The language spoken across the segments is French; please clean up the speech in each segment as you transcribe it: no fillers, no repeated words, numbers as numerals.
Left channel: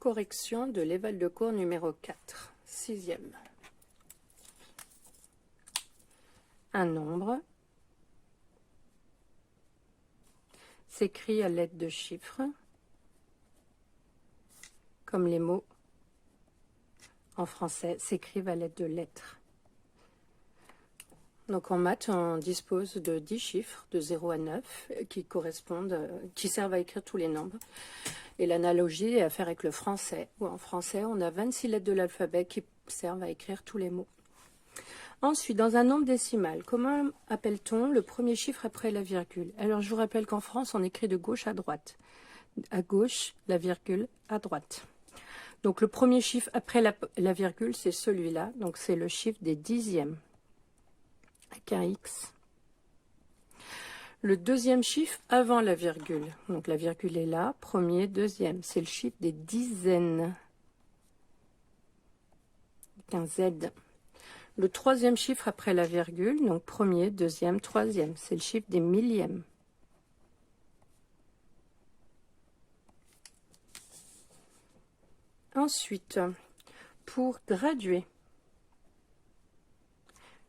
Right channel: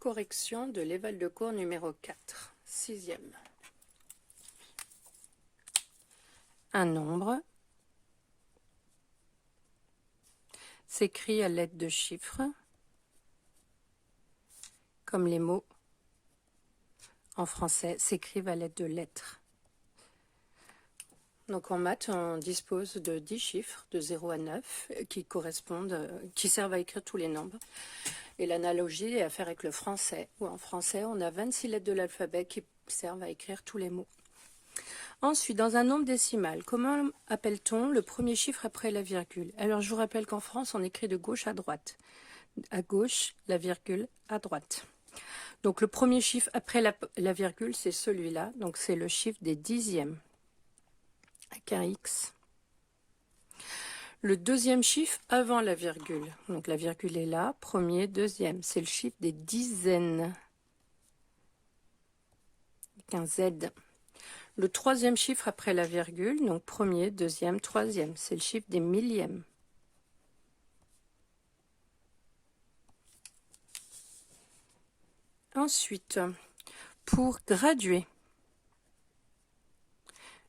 Correction de l'éval de cours numéro 4, sixième. Un nombre s'écrit à l'aide de chiffres, comme les mots en français s'écrivent à l'aide de lettres. Donc en maths, on dispose de 10 chiffres de 0 à 9 qui servent à écrire tous les nombres. Et l'analogie est à faire avec le français, où en français, on a 26 lettres de l'alphabet qui servent à écrire tous les mots. Ensuite, dans un nombre décimal, comment appelle-t-on le premier chiffre après la virgule? Alors, je vous rappelle qu'en France, on écrit de gauche à droite. À gauche, la virgule, à droite. Donc, le premier chiffre après la virgule, c'est celui-là. Donc, c'est le chiffre des dixièmes, avec un X. Le deuxième chiffre avant la virgule. Donc, la virgule est là, premier, deuxième. C'est le chiffre des dizaines, avec un Z. Le troisième chiffre après la virgule, donc premier, deuxième, troisième, c'est le chiffre des millièmes. Ensuite, pour graduer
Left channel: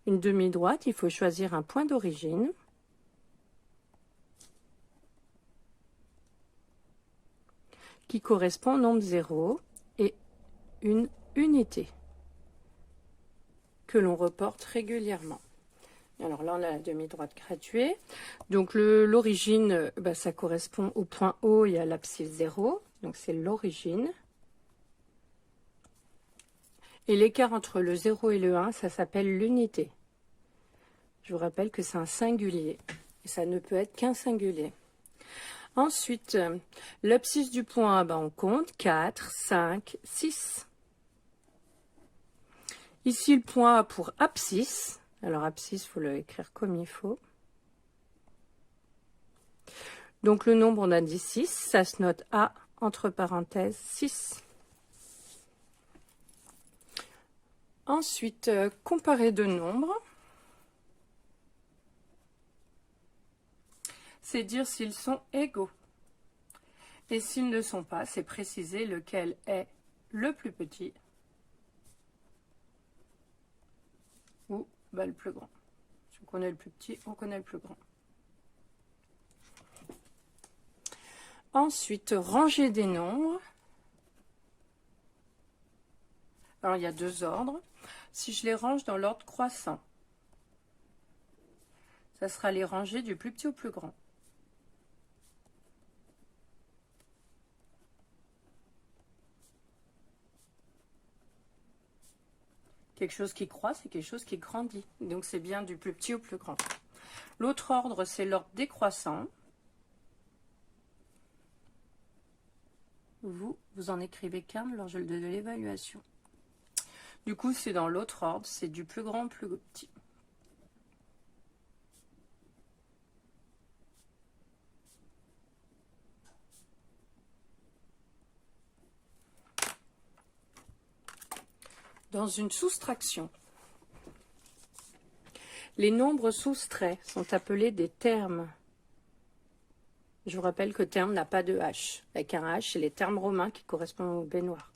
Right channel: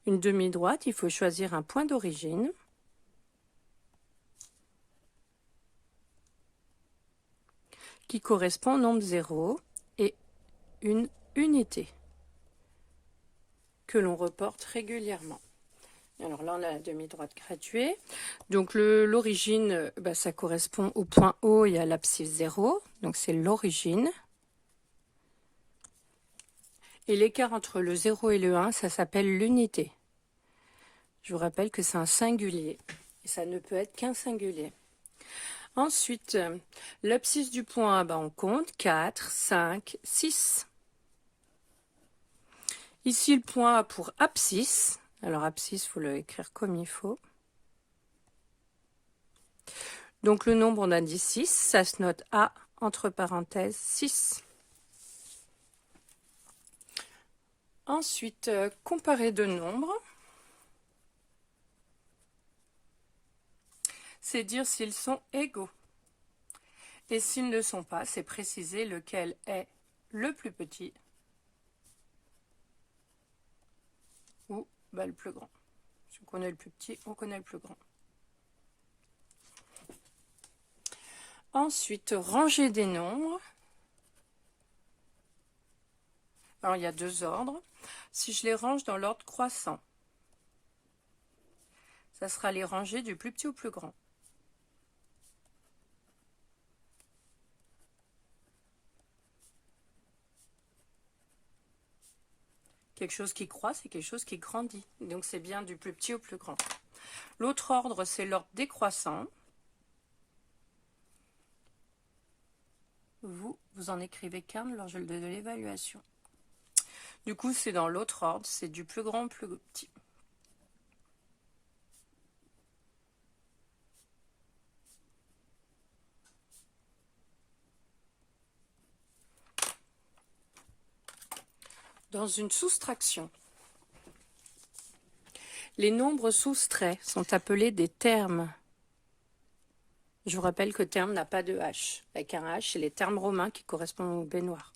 une demi-droite, il faut choisir un point d'origine. Qui correspond au nombre 0 et une unité que l'on reporte régulièrement. Alors là, on a la demi-droite graduée. Donc l'origine, ça correspond au point O et à l'abscisse 0. Donc c'est l'origine. Et l'écart entre le 0 et le 1, ça s'appelle l'unité. Je vous rappelle que c'est un singulier. Et ça ne peut être qu'un singulier. Ensuite, l'abscisse du point A, on compte 4, 5, 6. Ici, le point A pour abscisse. Alors, abscisse, il faut l'écrire comme il faut. Donc, le nombre, on a dit 6. Ça se note A, entre parenthèses, 6. Ensuite, comparer deux nombres. C'est dire s'ils sont égaux. Et s'ils ne le sont pas, c'est préciser lequel est le plus petit ou le plus grand. Si on connaît le plus petit, on connaît le plus grand. Ensuite, ranger des nombres. Alors, il y a deux ordres. Si je les range dans l'ordre croissant, ça sera les ranger du plus petit au plus grand. Quelque chose qui croît, c'est quelque chose qui grandit. Donc, c'est bien du plus petit au plus grand. L'autre ordre, c'est l'ordre décroissant. Vous en écrivez qu'un lors de l'évaluation. Du coup, c'est dans l'autre ordre, c'est du plus grand au plus petit. Dans une soustraction, les nombres soustraits sont appelés des termes. Je vous rappelle que terme n'a pas de H. Avec un H, c'est les termes romains qui correspondent au baignoire.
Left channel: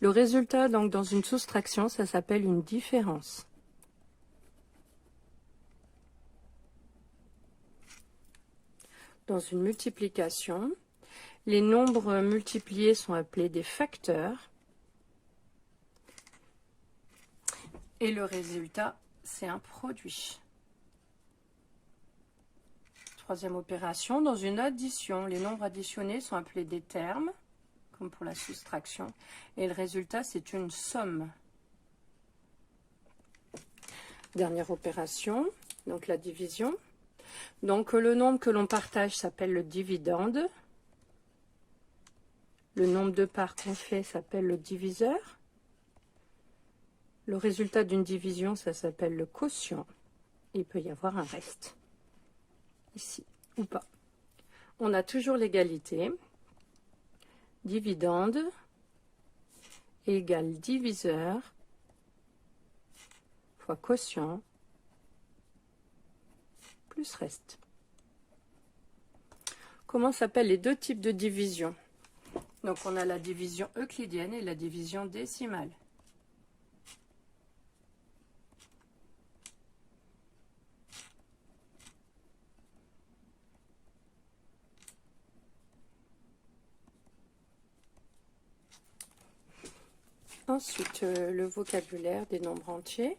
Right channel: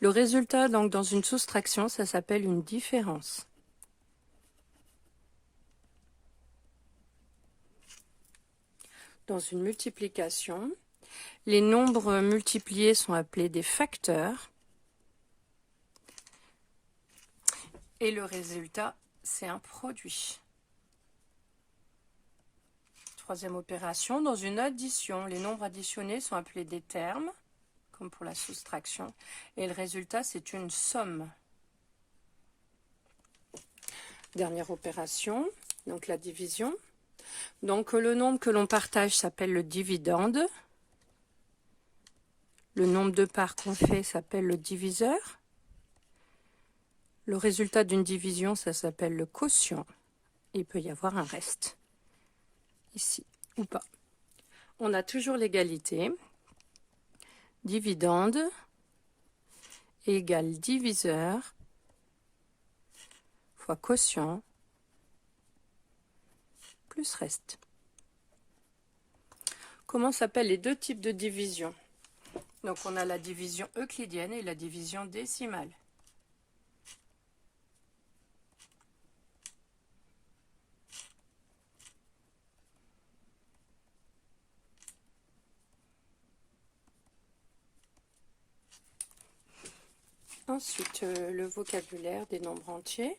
Le résultat, donc, dans une soustraction, ça s'appelle une différence. Dans une multiplication, les nombres multipliés sont appelés des facteurs. Et le résultat, c'est un produit. Troisième opération, dans une addition, les nombres additionnés sont appelés des termes, comme pour la soustraction, et le résultat, c'est une somme. Dernière opération, donc la division. Donc le nombre que l'on partage s'appelle le dividende. Le nombre de parts qu'on fait s'appelle le diviseur. Le résultat d'une division, ça s'appelle le quotient. Il peut y avoir un reste, ici, ou pas. On a toujours l'égalité. Dividende égale diviseur fois quotient plus reste. Comment s'appellent les deux types de division? Donc on a la division euclidienne et la division décimale. Ensuite, le vocabulaire des nombres entiers.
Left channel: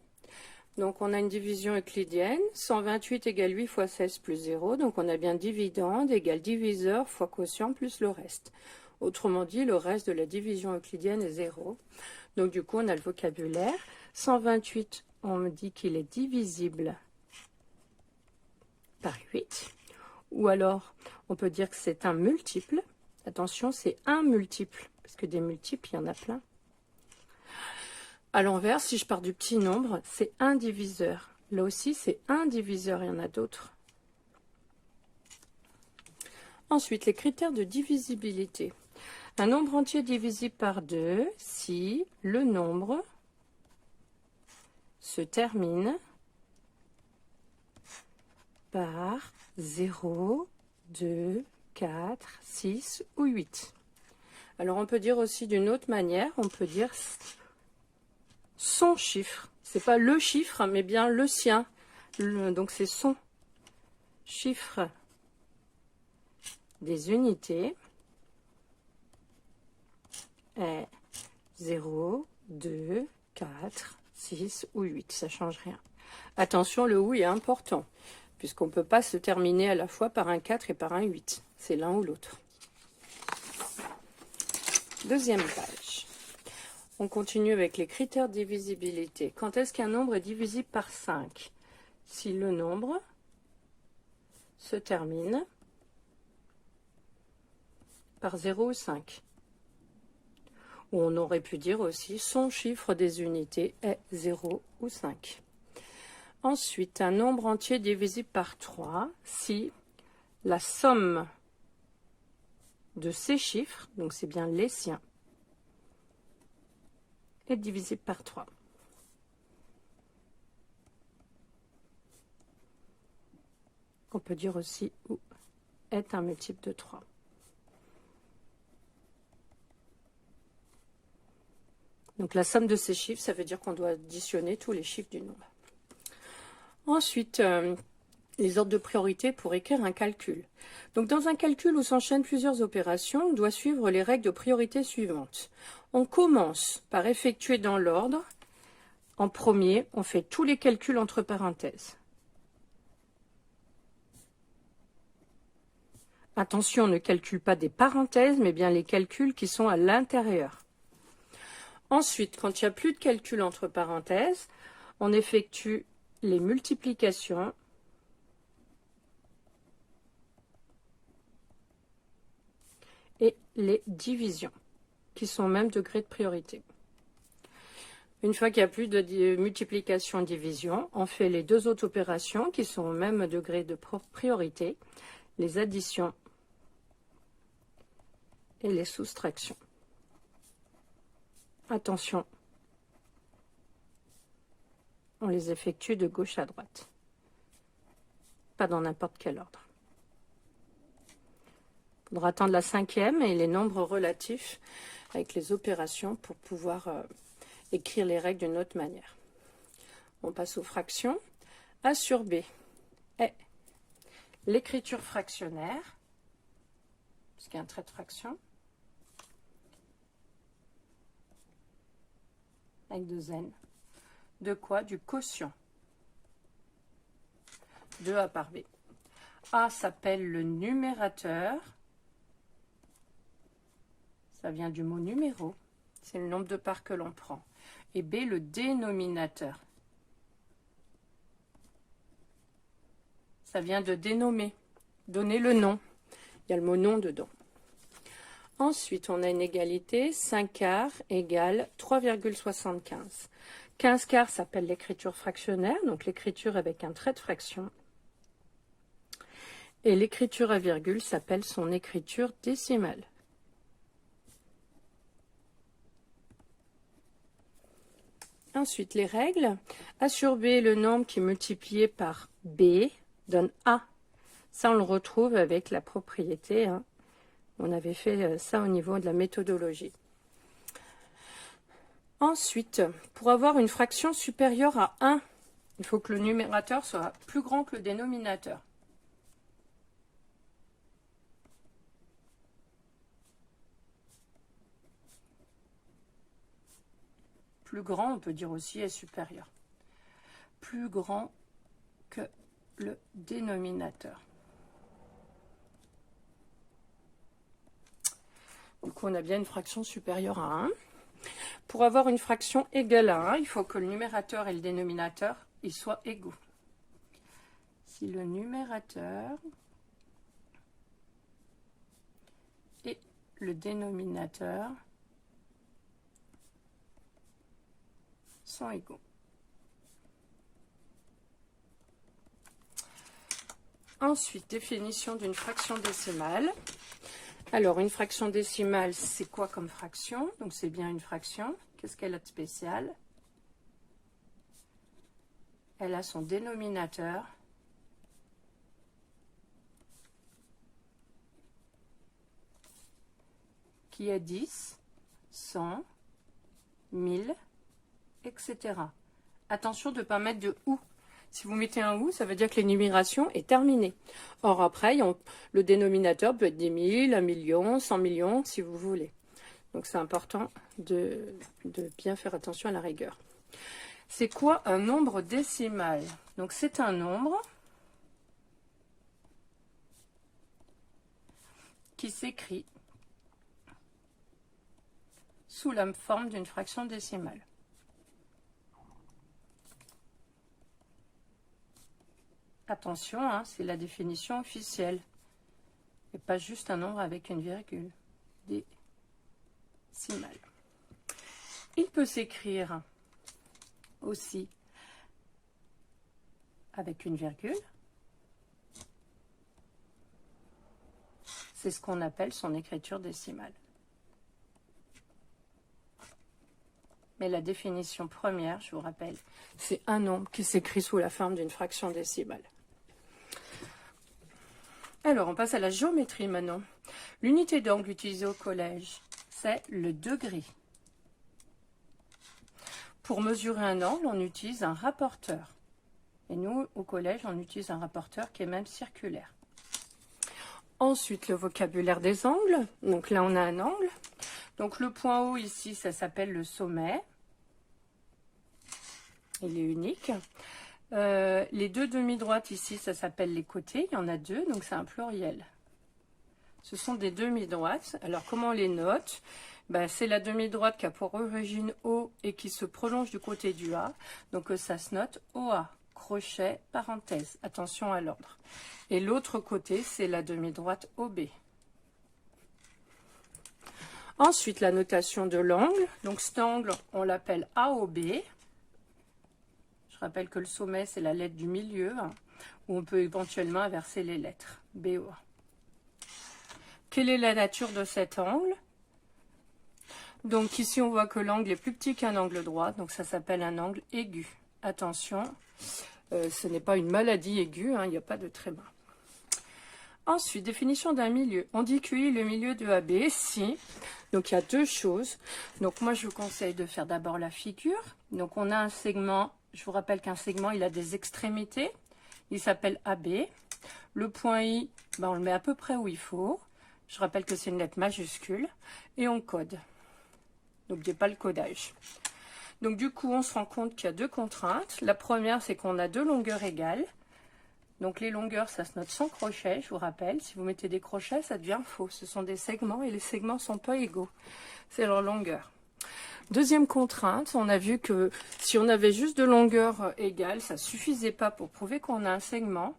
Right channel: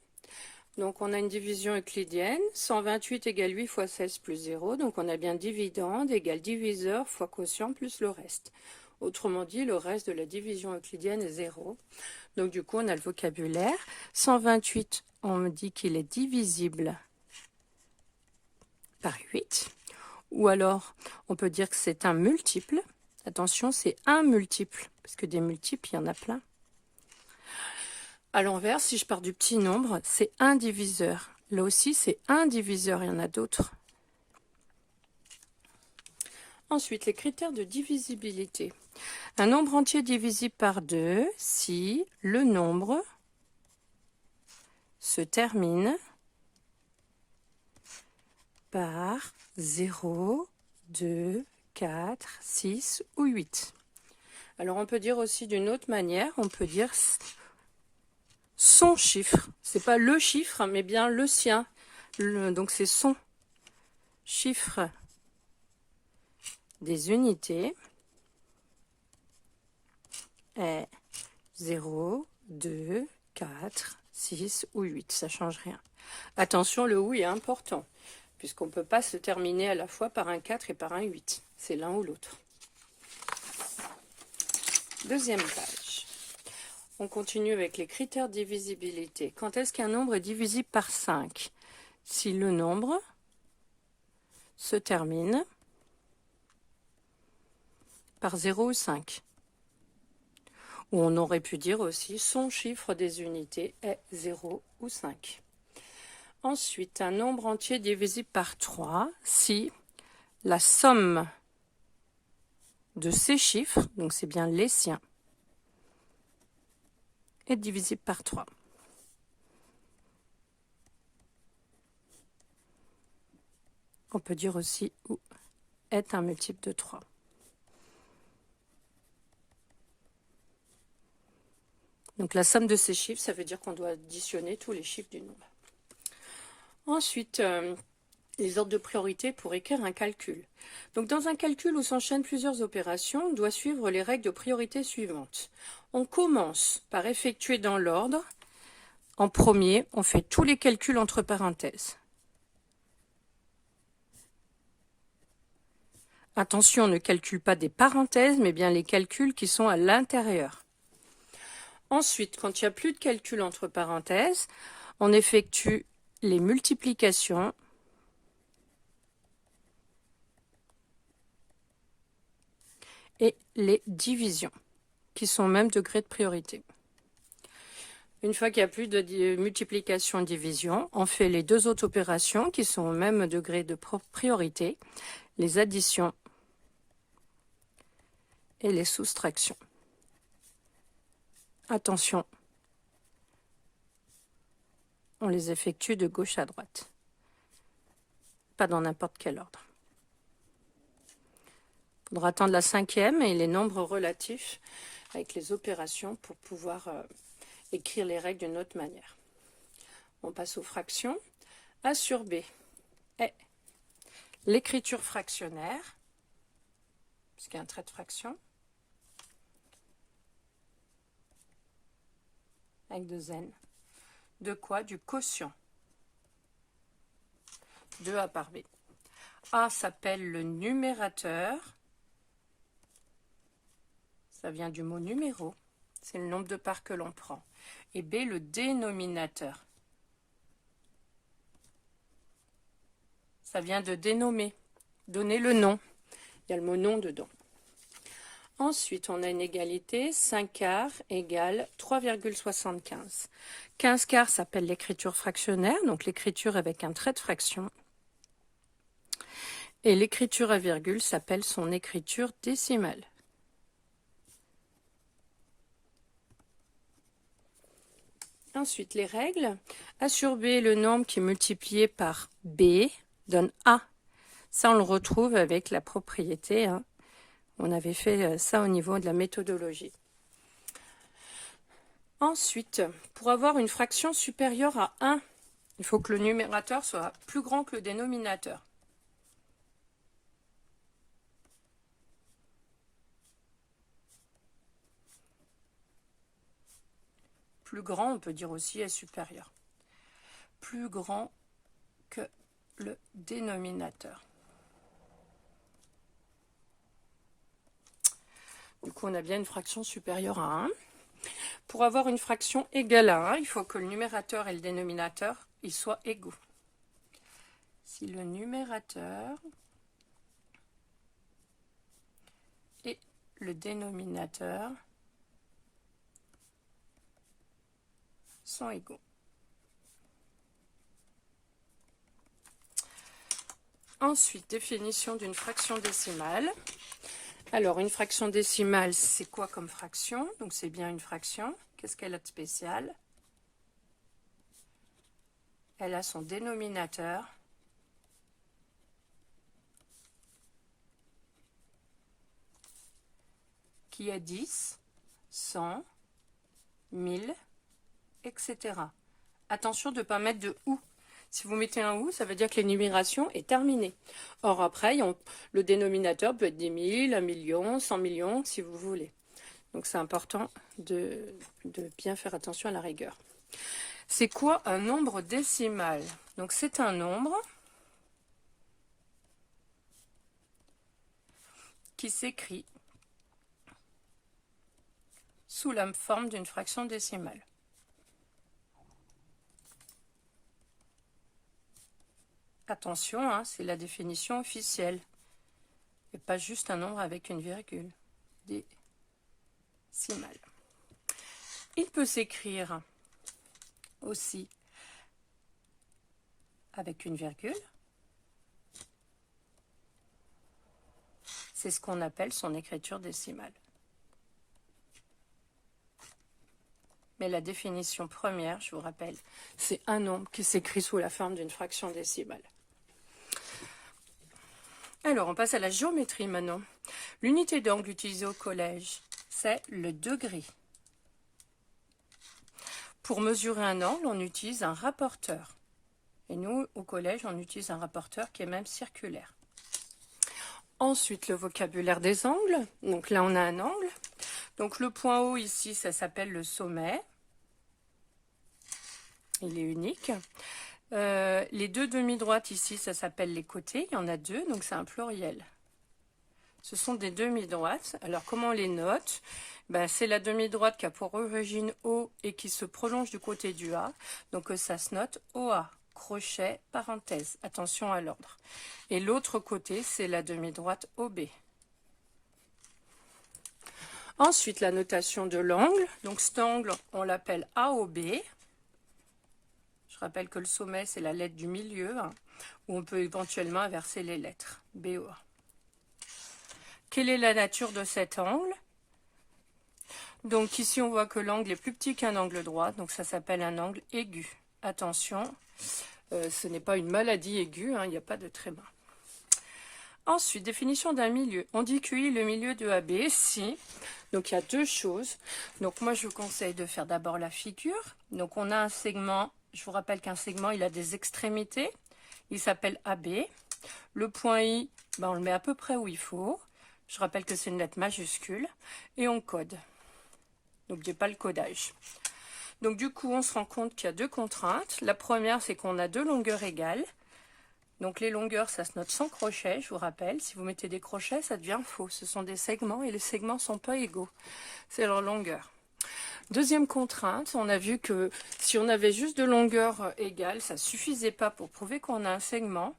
Donc on a une division euclidienne, 128 égale 8 fois 16 plus 0, donc on a bien dividende égale diviseur fois quotient plus le reste. Autrement dit, le reste de la division euclidienne est 0. Donc du coup, on a le vocabulaire. 128, on me dit qu'il est divisible par 8. Ou alors, on peut dire que c'est un multiple. Attention, c'est un multiple, parce que des multiples, il y en a plein. À l'envers, si je pars du petit nombre, c'est un diviseur. Là aussi, c'est un diviseur, il y en a d'autres. Ensuite, les critères de divisibilité. Un nombre entier divisible par 2 si le nombre se termine par 0, 2, 4, 6 ou 8. Alors, on peut dire aussi d'une autre manière, on peut dire son chiffre. C'est pas le chiffre, mais bien le sien. Donc, c'est son chiffre des unités est 0, 2, 4, 6 ou 8. Ça ne change rien. Attention, le ou est important, puisqu'on ne peut pas se terminer à la fois par un 4 et par un 8. C'est l'un ou l'autre. Deuxième page. On continue avec les critères de divisibilité. Quand est-ce qu'un nombre est divisible par 5? Si le nombre se termine par 0 ou 5. Ou on aurait pu dire aussi son chiffre des unités est 0 ou 5. Ensuite, un nombre entier divisible par 3 si la somme de ces chiffres, donc c'est bien les siens, est divisible par 3. On peut dire aussi ou est un multiple de 3. Donc la somme de ces chiffres, ça veut dire qu'on doit additionner tous les chiffres du nombre. Ensuite, les ordres de priorité pour écrire un calcul. Donc dans un calcul où s'enchaînent plusieurs opérations, on doit suivre les règles de priorité suivantes. On commence par effectuer dans l'ordre. En premier, on fait tous les calculs entre parenthèses. Attention, on ne calcule pas des parenthèses, mais bien les calculs qui sont à l'intérieur. Ensuite, quand il n'y a plus de calcul entre parenthèses, on effectue les multiplications et les divisions, qui sont au même degré de priorité. Une fois qu'il n'y a plus de multiplication-division, on fait les deux autres opérations qui sont au même degré de priorité, les additions et les soustractions. Attention, on les effectue de gauche à droite, pas dans n'importe quel ordre. Il faudra attendre la cinquième et les nombres relatifs avec les opérations pour pouvoir écrire les règles d'une autre manière. On passe aux fractions. A sur B est l'écriture fractionnaire, parce qu'il y a un trait de fraction, avec deux n. De quoi? Du quotient de A par B. A s'appelle le numérateur. Ça vient du mot numéro. C'est le nombre de parts que l'on prend. Et B, le dénominateur. Ça vient de dénommer, donner le nom. Il y a le mot nom dedans. Ensuite, on a une égalité, 5 quarts égale 3,75. 15 quarts s'appelle l'écriture fractionnaire, donc l'écriture avec un trait de fraction. Et l'écriture à virgule s'appelle son écriture décimale. Ensuite, les règles. A sur B, le nombre qui est multiplié par B donne A. Ça, on le retrouve avec la propriété. On avait fait ça au niveau de la méthodologie. Ensuite, pour avoir une fraction supérieure à 1, il faut que le numérateur soit plus grand que le dénominateur. Plus grand, on peut dire aussi est supérieur. Plus grand que le dénominateur. Du coup, on a bien une fraction supérieure à 1. Pour avoir une fraction égale à 1, il faut que le numérateur et le dénominateur ils soient égaux. Si le numérateur et le dénominateur sont égaux. Ensuite, définition d'une fraction décimale. Alors, une fraction décimale, c'est quoi comme fraction? Donc, c'est bien une fraction. Qu'est-ce qu'elle a de spécial? Elle a son dénominateur qui est 10, 100, 1000, etc. Attention de ne pas mettre de ou. Si vous mettez un ou, ça veut dire que l'énumération est terminée. Or, après, le dénominateur peut être 10 000, 1 million, 100 millions, si vous voulez. Donc, c'est important de bien faire attention à la rigueur. C'est quoi un nombre décimal? Donc, c'est un nombre qui s'écrit sous la forme d'une fraction décimale. Attention, hein, c'est la définition officielle. Et pas juste un nombre avec une virgule. Décimal. Il peut s'écrire aussi avec une virgule. C'est ce qu'on appelle son écriture décimale. Mais la définition première, je vous rappelle, c'est un nombre qui s'écrit sous la forme d'une fraction décimale. Alors, on passe à la géométrie maintenant. L'unité d'angle utilisée au collège, c'est le degré. Pour mesurer un angle, on utilise un rapporteur. Et nous, au collège, on utilise un rapporteur qui est même circulaire. Ensuite, le vocabulaire des angles. Donc là, on a un angle. Donc le point haut ici, ça s'appelle le sommet. Il est unique. Les deux demi-droites ici, ça s'appelle les côtés. Il y en a deux, donc c'est un pluriel. Ce sont des demi-droites. Alors, comment on les note? C'est la demi-droite qui a pour origine O et qui se prolonge du côté du A. Donc, ça se note OA, crochet, parenthèse. Attention à l'ordre. Et l'autre côté, c'est la demi-droite OB. Ensuite, la notation de l'angle. Donc, cet angle, on l'appelle AOB. Je rappelle que le sommet, c'est la lettre du milieu, hein, où on peut éventuellement inverser les lettres. BOA. Quelle est la nature de cet angle? Donc ici, on voit que l'angle est plus petit qu'un angle droit, donc ça s'appelle un angle aigu. Attention, ce n'est pas une maladie aiguë, hein, il n'y a pas de tréma. Ensuite, définition d'un milieu. On dit QI le milieu de AB si... Donc il y a deux choses. Donc moi, je vous conseille de faire d'abord la figure. Donc on a un segment, je vous rappelle qu'un segment, il a des extrémités. Il s'appelle AB. Le point I, on le met à peu près où il faut. Je rappelle que c'est une lettre majuscule. Et on code. N'oubliez pas le codage. Donc du coup, on se rend compte qu'il y a deux contraintes. La première, c'est qu'on a deux longueurs égales. Donc les longueurs, ça se note sans crochet, je vous rappelle. Si vous mettez des crochets, ça devient faux. Ce sont des segments et les segments ne sont pas égaux. C'est leur longueur. Deuxième contrainte, on a vu que si on avait juste deux longueurs égales, ça ne suffisait pas pour prouver qu'on a un segment,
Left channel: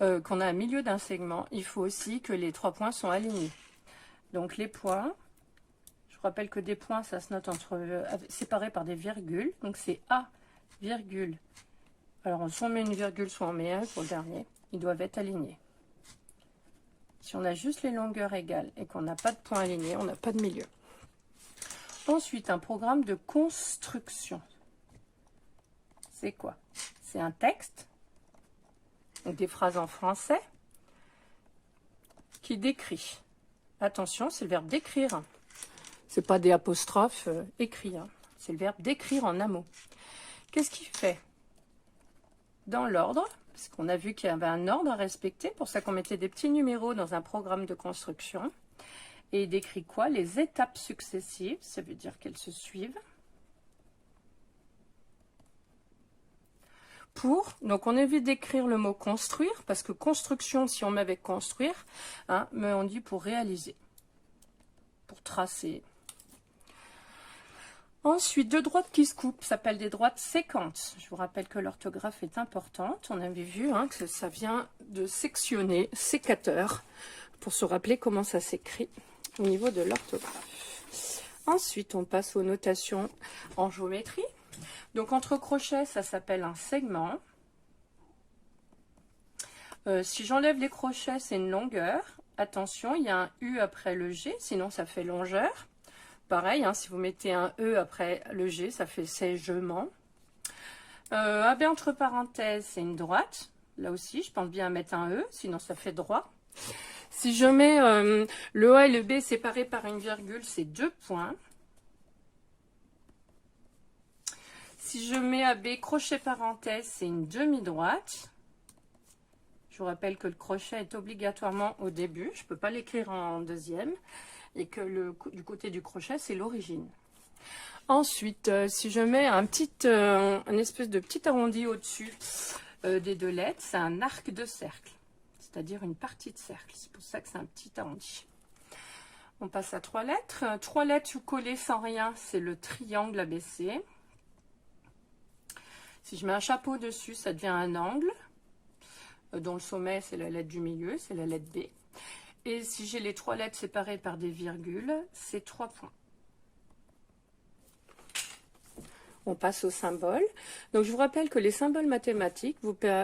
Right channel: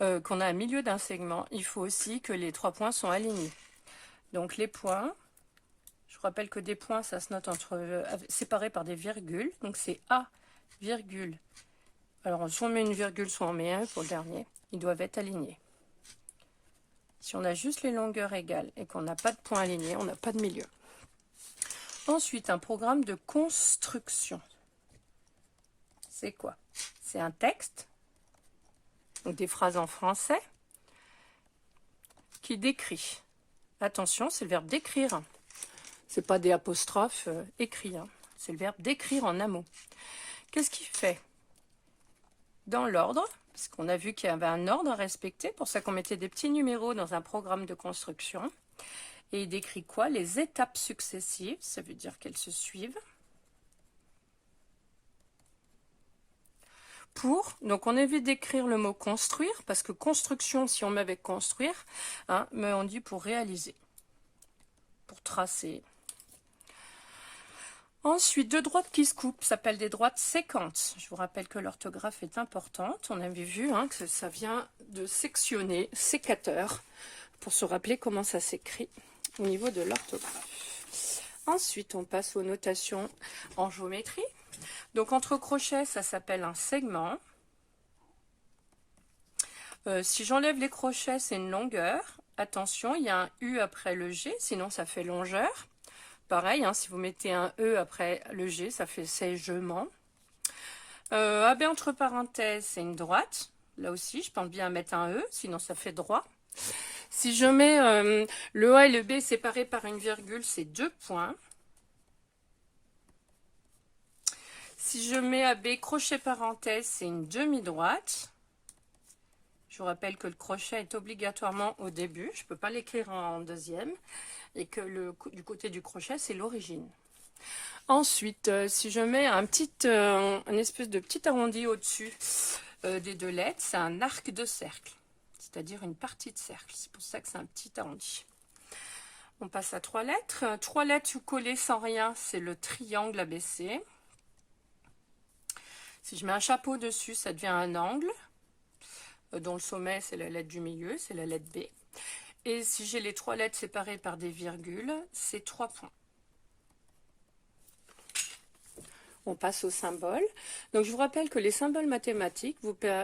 qu'on a un milieu d'un segment. Il faut aussi que les trois points sont alignés. Donc les points, je vous rappelle que des points, ça se note séparés par des virgules. Donc c'est A, virgule. Alors soit on met une virgule, soit on met un pour le dernier. Ils doivent être alignés. Si on a juste les longueurs égales et qu'on n'a pas de points alignés, on n'a pas de milieu. Ensuite, un programme de construction. C'est quoi? C'est un texte, donc des phrases en français, qui décrit Attention, c'est le verbe d'écrire. C'est pas des apostrophes écrits, hein. C'est le verbe d'écrire en un mot. Qu'est-ce qu'il fait? Dans l'ordre, parce qu'on a vu qu'il y avait un ordre à respecter, pour ça qu'on mettait des petits numéros dans un programme de construction. Et il décrit quoi? Les étapes successives, ça veut dire qu'elles se suivent. Donc on évite d'écrire le mot construire, parce que construction, si on met avec construire, hein, mais on dit pour réaliser, pour tracer. Ensuite, deux droites qui se coupent s'appellent des droites séquentes. Je vous rappelle que l'orthographe est importante. On avait vu hein, que ça vient de sectionner, sécateur, pour se rappeler comment ça s'écrit au niveau de l'orthographe. Ensuite, on passe aux notations en géométrie. Donc, entre crochets, ça s'appelle un segment. Si j'enlève les crochets, c'est une longueur. Attention, il y a un U après le G, sinon ça fait longeur. Pareil, hein, si vous mettez un E après le G, ça fait segement. AB entre parenthèses, c'est une droite. Là aussi, je pense bien à mettre un E, sinon ça fait droit. Si je mets le A et le B séparés par une virgule, c'est 2 points. Si je mets AB crochet parenthèse, c'est une demi-droite. Je vous rappelle que le crochet est obligatoirement au début. Je ne peux pas l'écrire en deuxième. Et que du côté du crochet, c'est l'origine. Ensuite, si je mets un espèce de petit arrondi au-dessus des deux lettres, c'est un arc de cercle, c'est-à-dire une partie de cercle. C'est pour ça que c'est un petit arrondi. On passe à 3 lettres. 3 lettres collées sans rien, c'est le triangle ABC. Si je mets un chapeau dessus, ça devient un angle, dont le sommet, c'est la lettre du milieu, c'est la lettre B. Et si j'ai les 3 lettres séparées par des virgules, c'est 3 points. On passe aux symboles. Donc, je vous rappelle que les symboles mathématiques,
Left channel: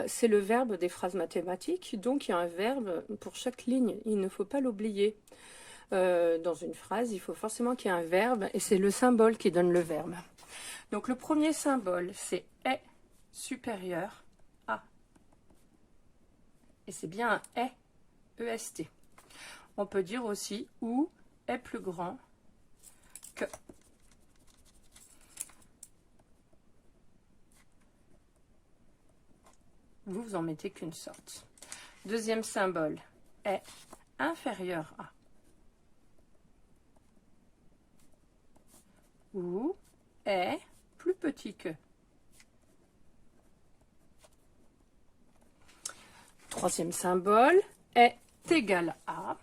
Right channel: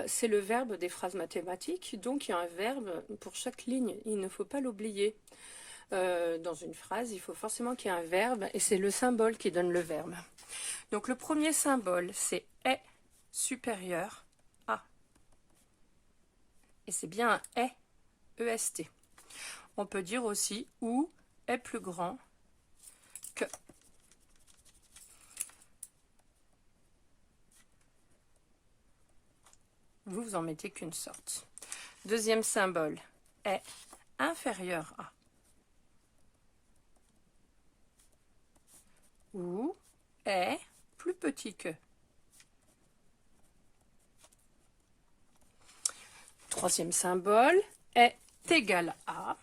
c'est le verbe des phrases mathématiques. Donc, il y a un verbe pour chaque ligne. Il ne faut pas l'oublier. Dans une phrase, il faut forcément qu'il y ait un verbe. Et c'est le symbole qui donne le verbe. Donc, le premier symbole, c'est « est » supérieur à. Et c'est bien un « est », EST. On peut dire aussi « ou est plus grand que ». Vous en mettez qu'une sorte. Deuxième symbole est inférieur à. Ou est plus petit que. Troisième symbole est égal à.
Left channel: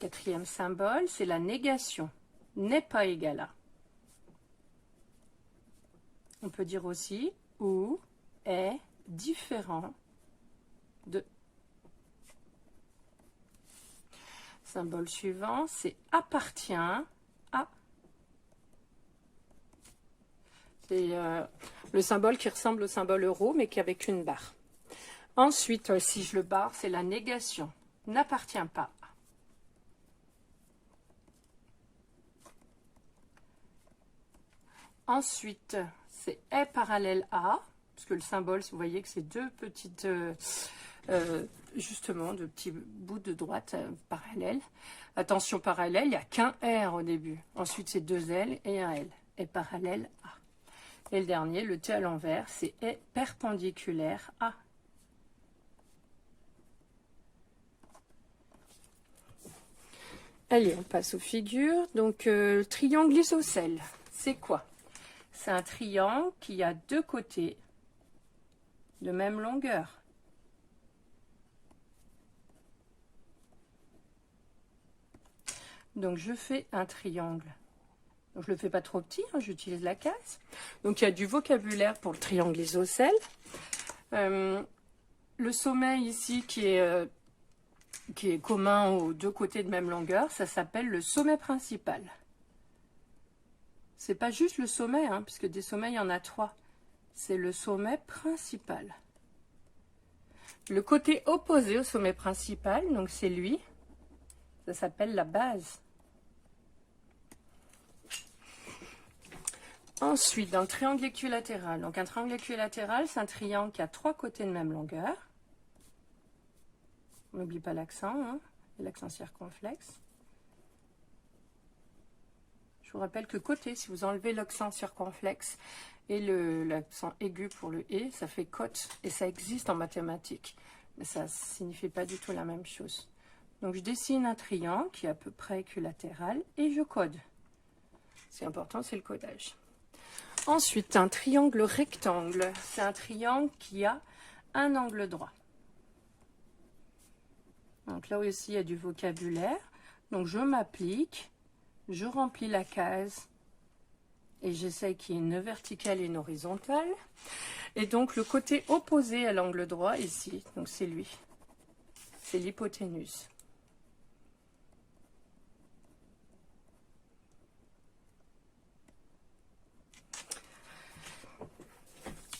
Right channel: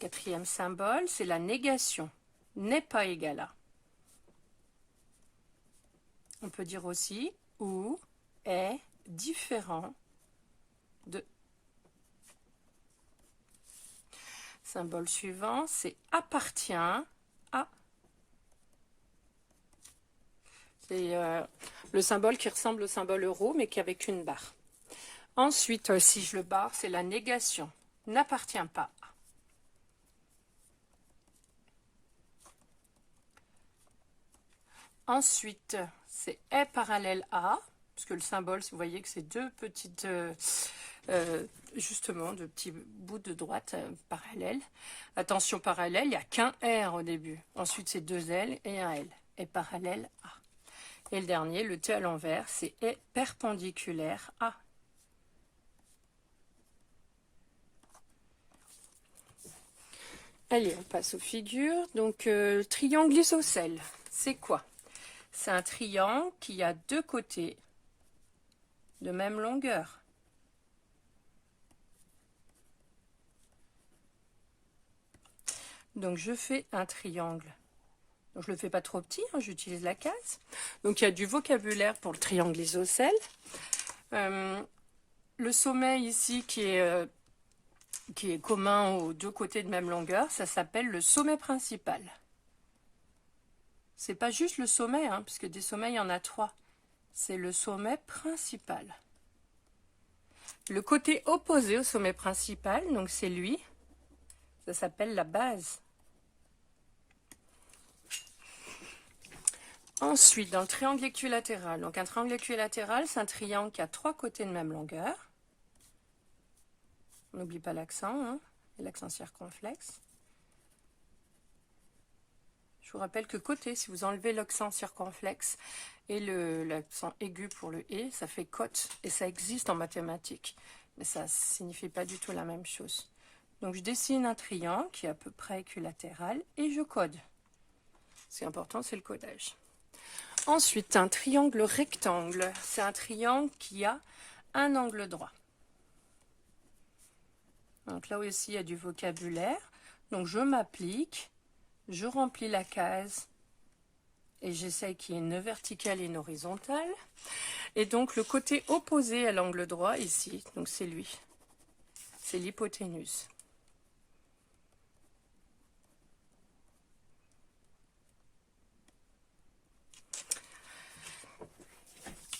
Quatrième symbole, c'est la négation. N'est pas égal à. On peut dire aussi ou est différent de. Symbole suivant, c'est appartient à. C'est le symbole qui ressemble au symbole euro, mais qui est avec une barre. Ensuite, si je le barre, c'est la négation. N'appartient pas à. Ensuite, c'est est parallèle à, parce que le symbole, vous voyez que c'est deux petites, justement, de petits bouts de droite parallèles. Attention, parallèle, il n'y a qu'un R au début. Ensuite, c'est deux L et un L. Est parallèle à. Et le dernier, le T à l'envers, c'est est perpendiculaire à. Allez, on passe aux figures. Donc, le triangle isocèle, c'est quoi? C'est un triangle qui a deux côtés de même longueur. Donc, je fais un triangle. Donc, je ne le fais pas trop petit, hein, j'utilise la case. Donc, il y a du vocabulaire pour le triangle isocèle. Le sommet ici qui est commun aux deux côtés de même longueur, ça s'appelle le sommet principal. C'est pas juste le sommet, hein, puisque des sommets, il y en a 3. C'est le sommet principal. Le côté opposé au sommet principal, donc c'est lui, ça s'appelle la base. Ensuite, dans le triangle équilatéral, donc un triangle équilatéral, c'est un triangle qui a 3 côtés de même longueur. On n'oublie pas l'accent, hein, l'accent circonflexe. Je vous rappelle que côté, si vous enlevez l'accent circonflexe et l'accent aigu pour le « et », ça fait côte, et ça existe en mathématiques. Mais ça ne signifie pas du tout la même chose. Donc je dessine un triangle qui est à peu près équilatéral et je code. Ce qui est important, c'est le codage. Ensuite, un triangle rectangle. C'est un triangle qui a un angle droit. Donc là aussi, il y a du vocabulaire. Donc je m'applique, je remplis la case et j'essaie qu'il y ait une verticale et une horizontale. Et donc le côté opposé à l'angle droit ici, donc c'est lui, c'est l'hypoténuse.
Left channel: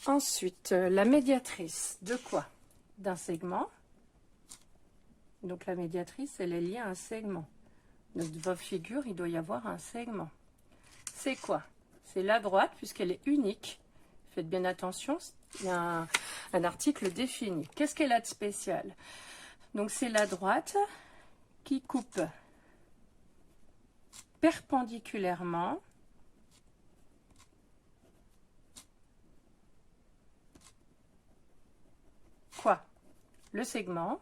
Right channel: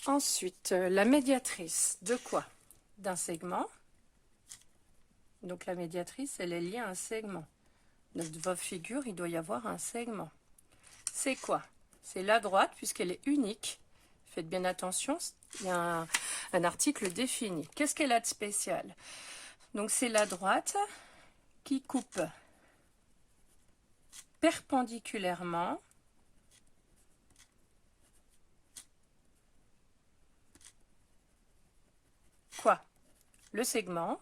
Ensuite, la médiatrice, de quoi? D'un segment. Donc la médiatrice, elle est liée à un segment. Donc dans votre figure, il doit y avoir un segment. C'est quoi? C'est la droite, puisqu'elle est unique. Faites bien attention, il y a un article défini. Qu'est-ce qu'elle a de spécial? Donc c'est la droite qui coupe perpendiculairement quoi? Le segment.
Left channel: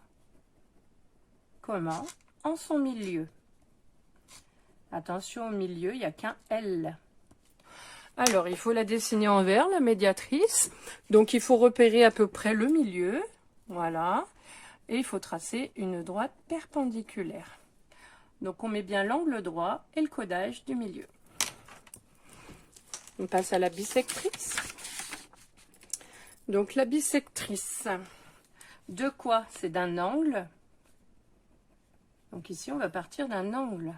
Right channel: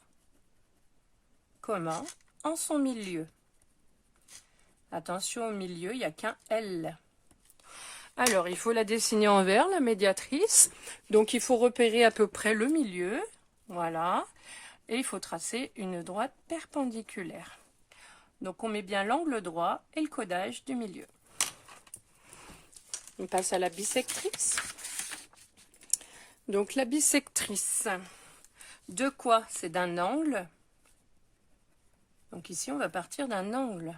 Comment? En son milieu. Attention, au milieu, il n'y a qu'un L. Alors, il faut la dessiner en vert, la médiatrice. Donc, il faut repérer à peu près le milieu. Voilà. Et il faut tracer une droite perpendiculaire. Donc, on met bien l'angle droit et le codage du milieu. On passe à la bisectrice. Donc, la bisectrice, de quoi? C'est d'un angle. Donc, ici, on va partir d'un angle.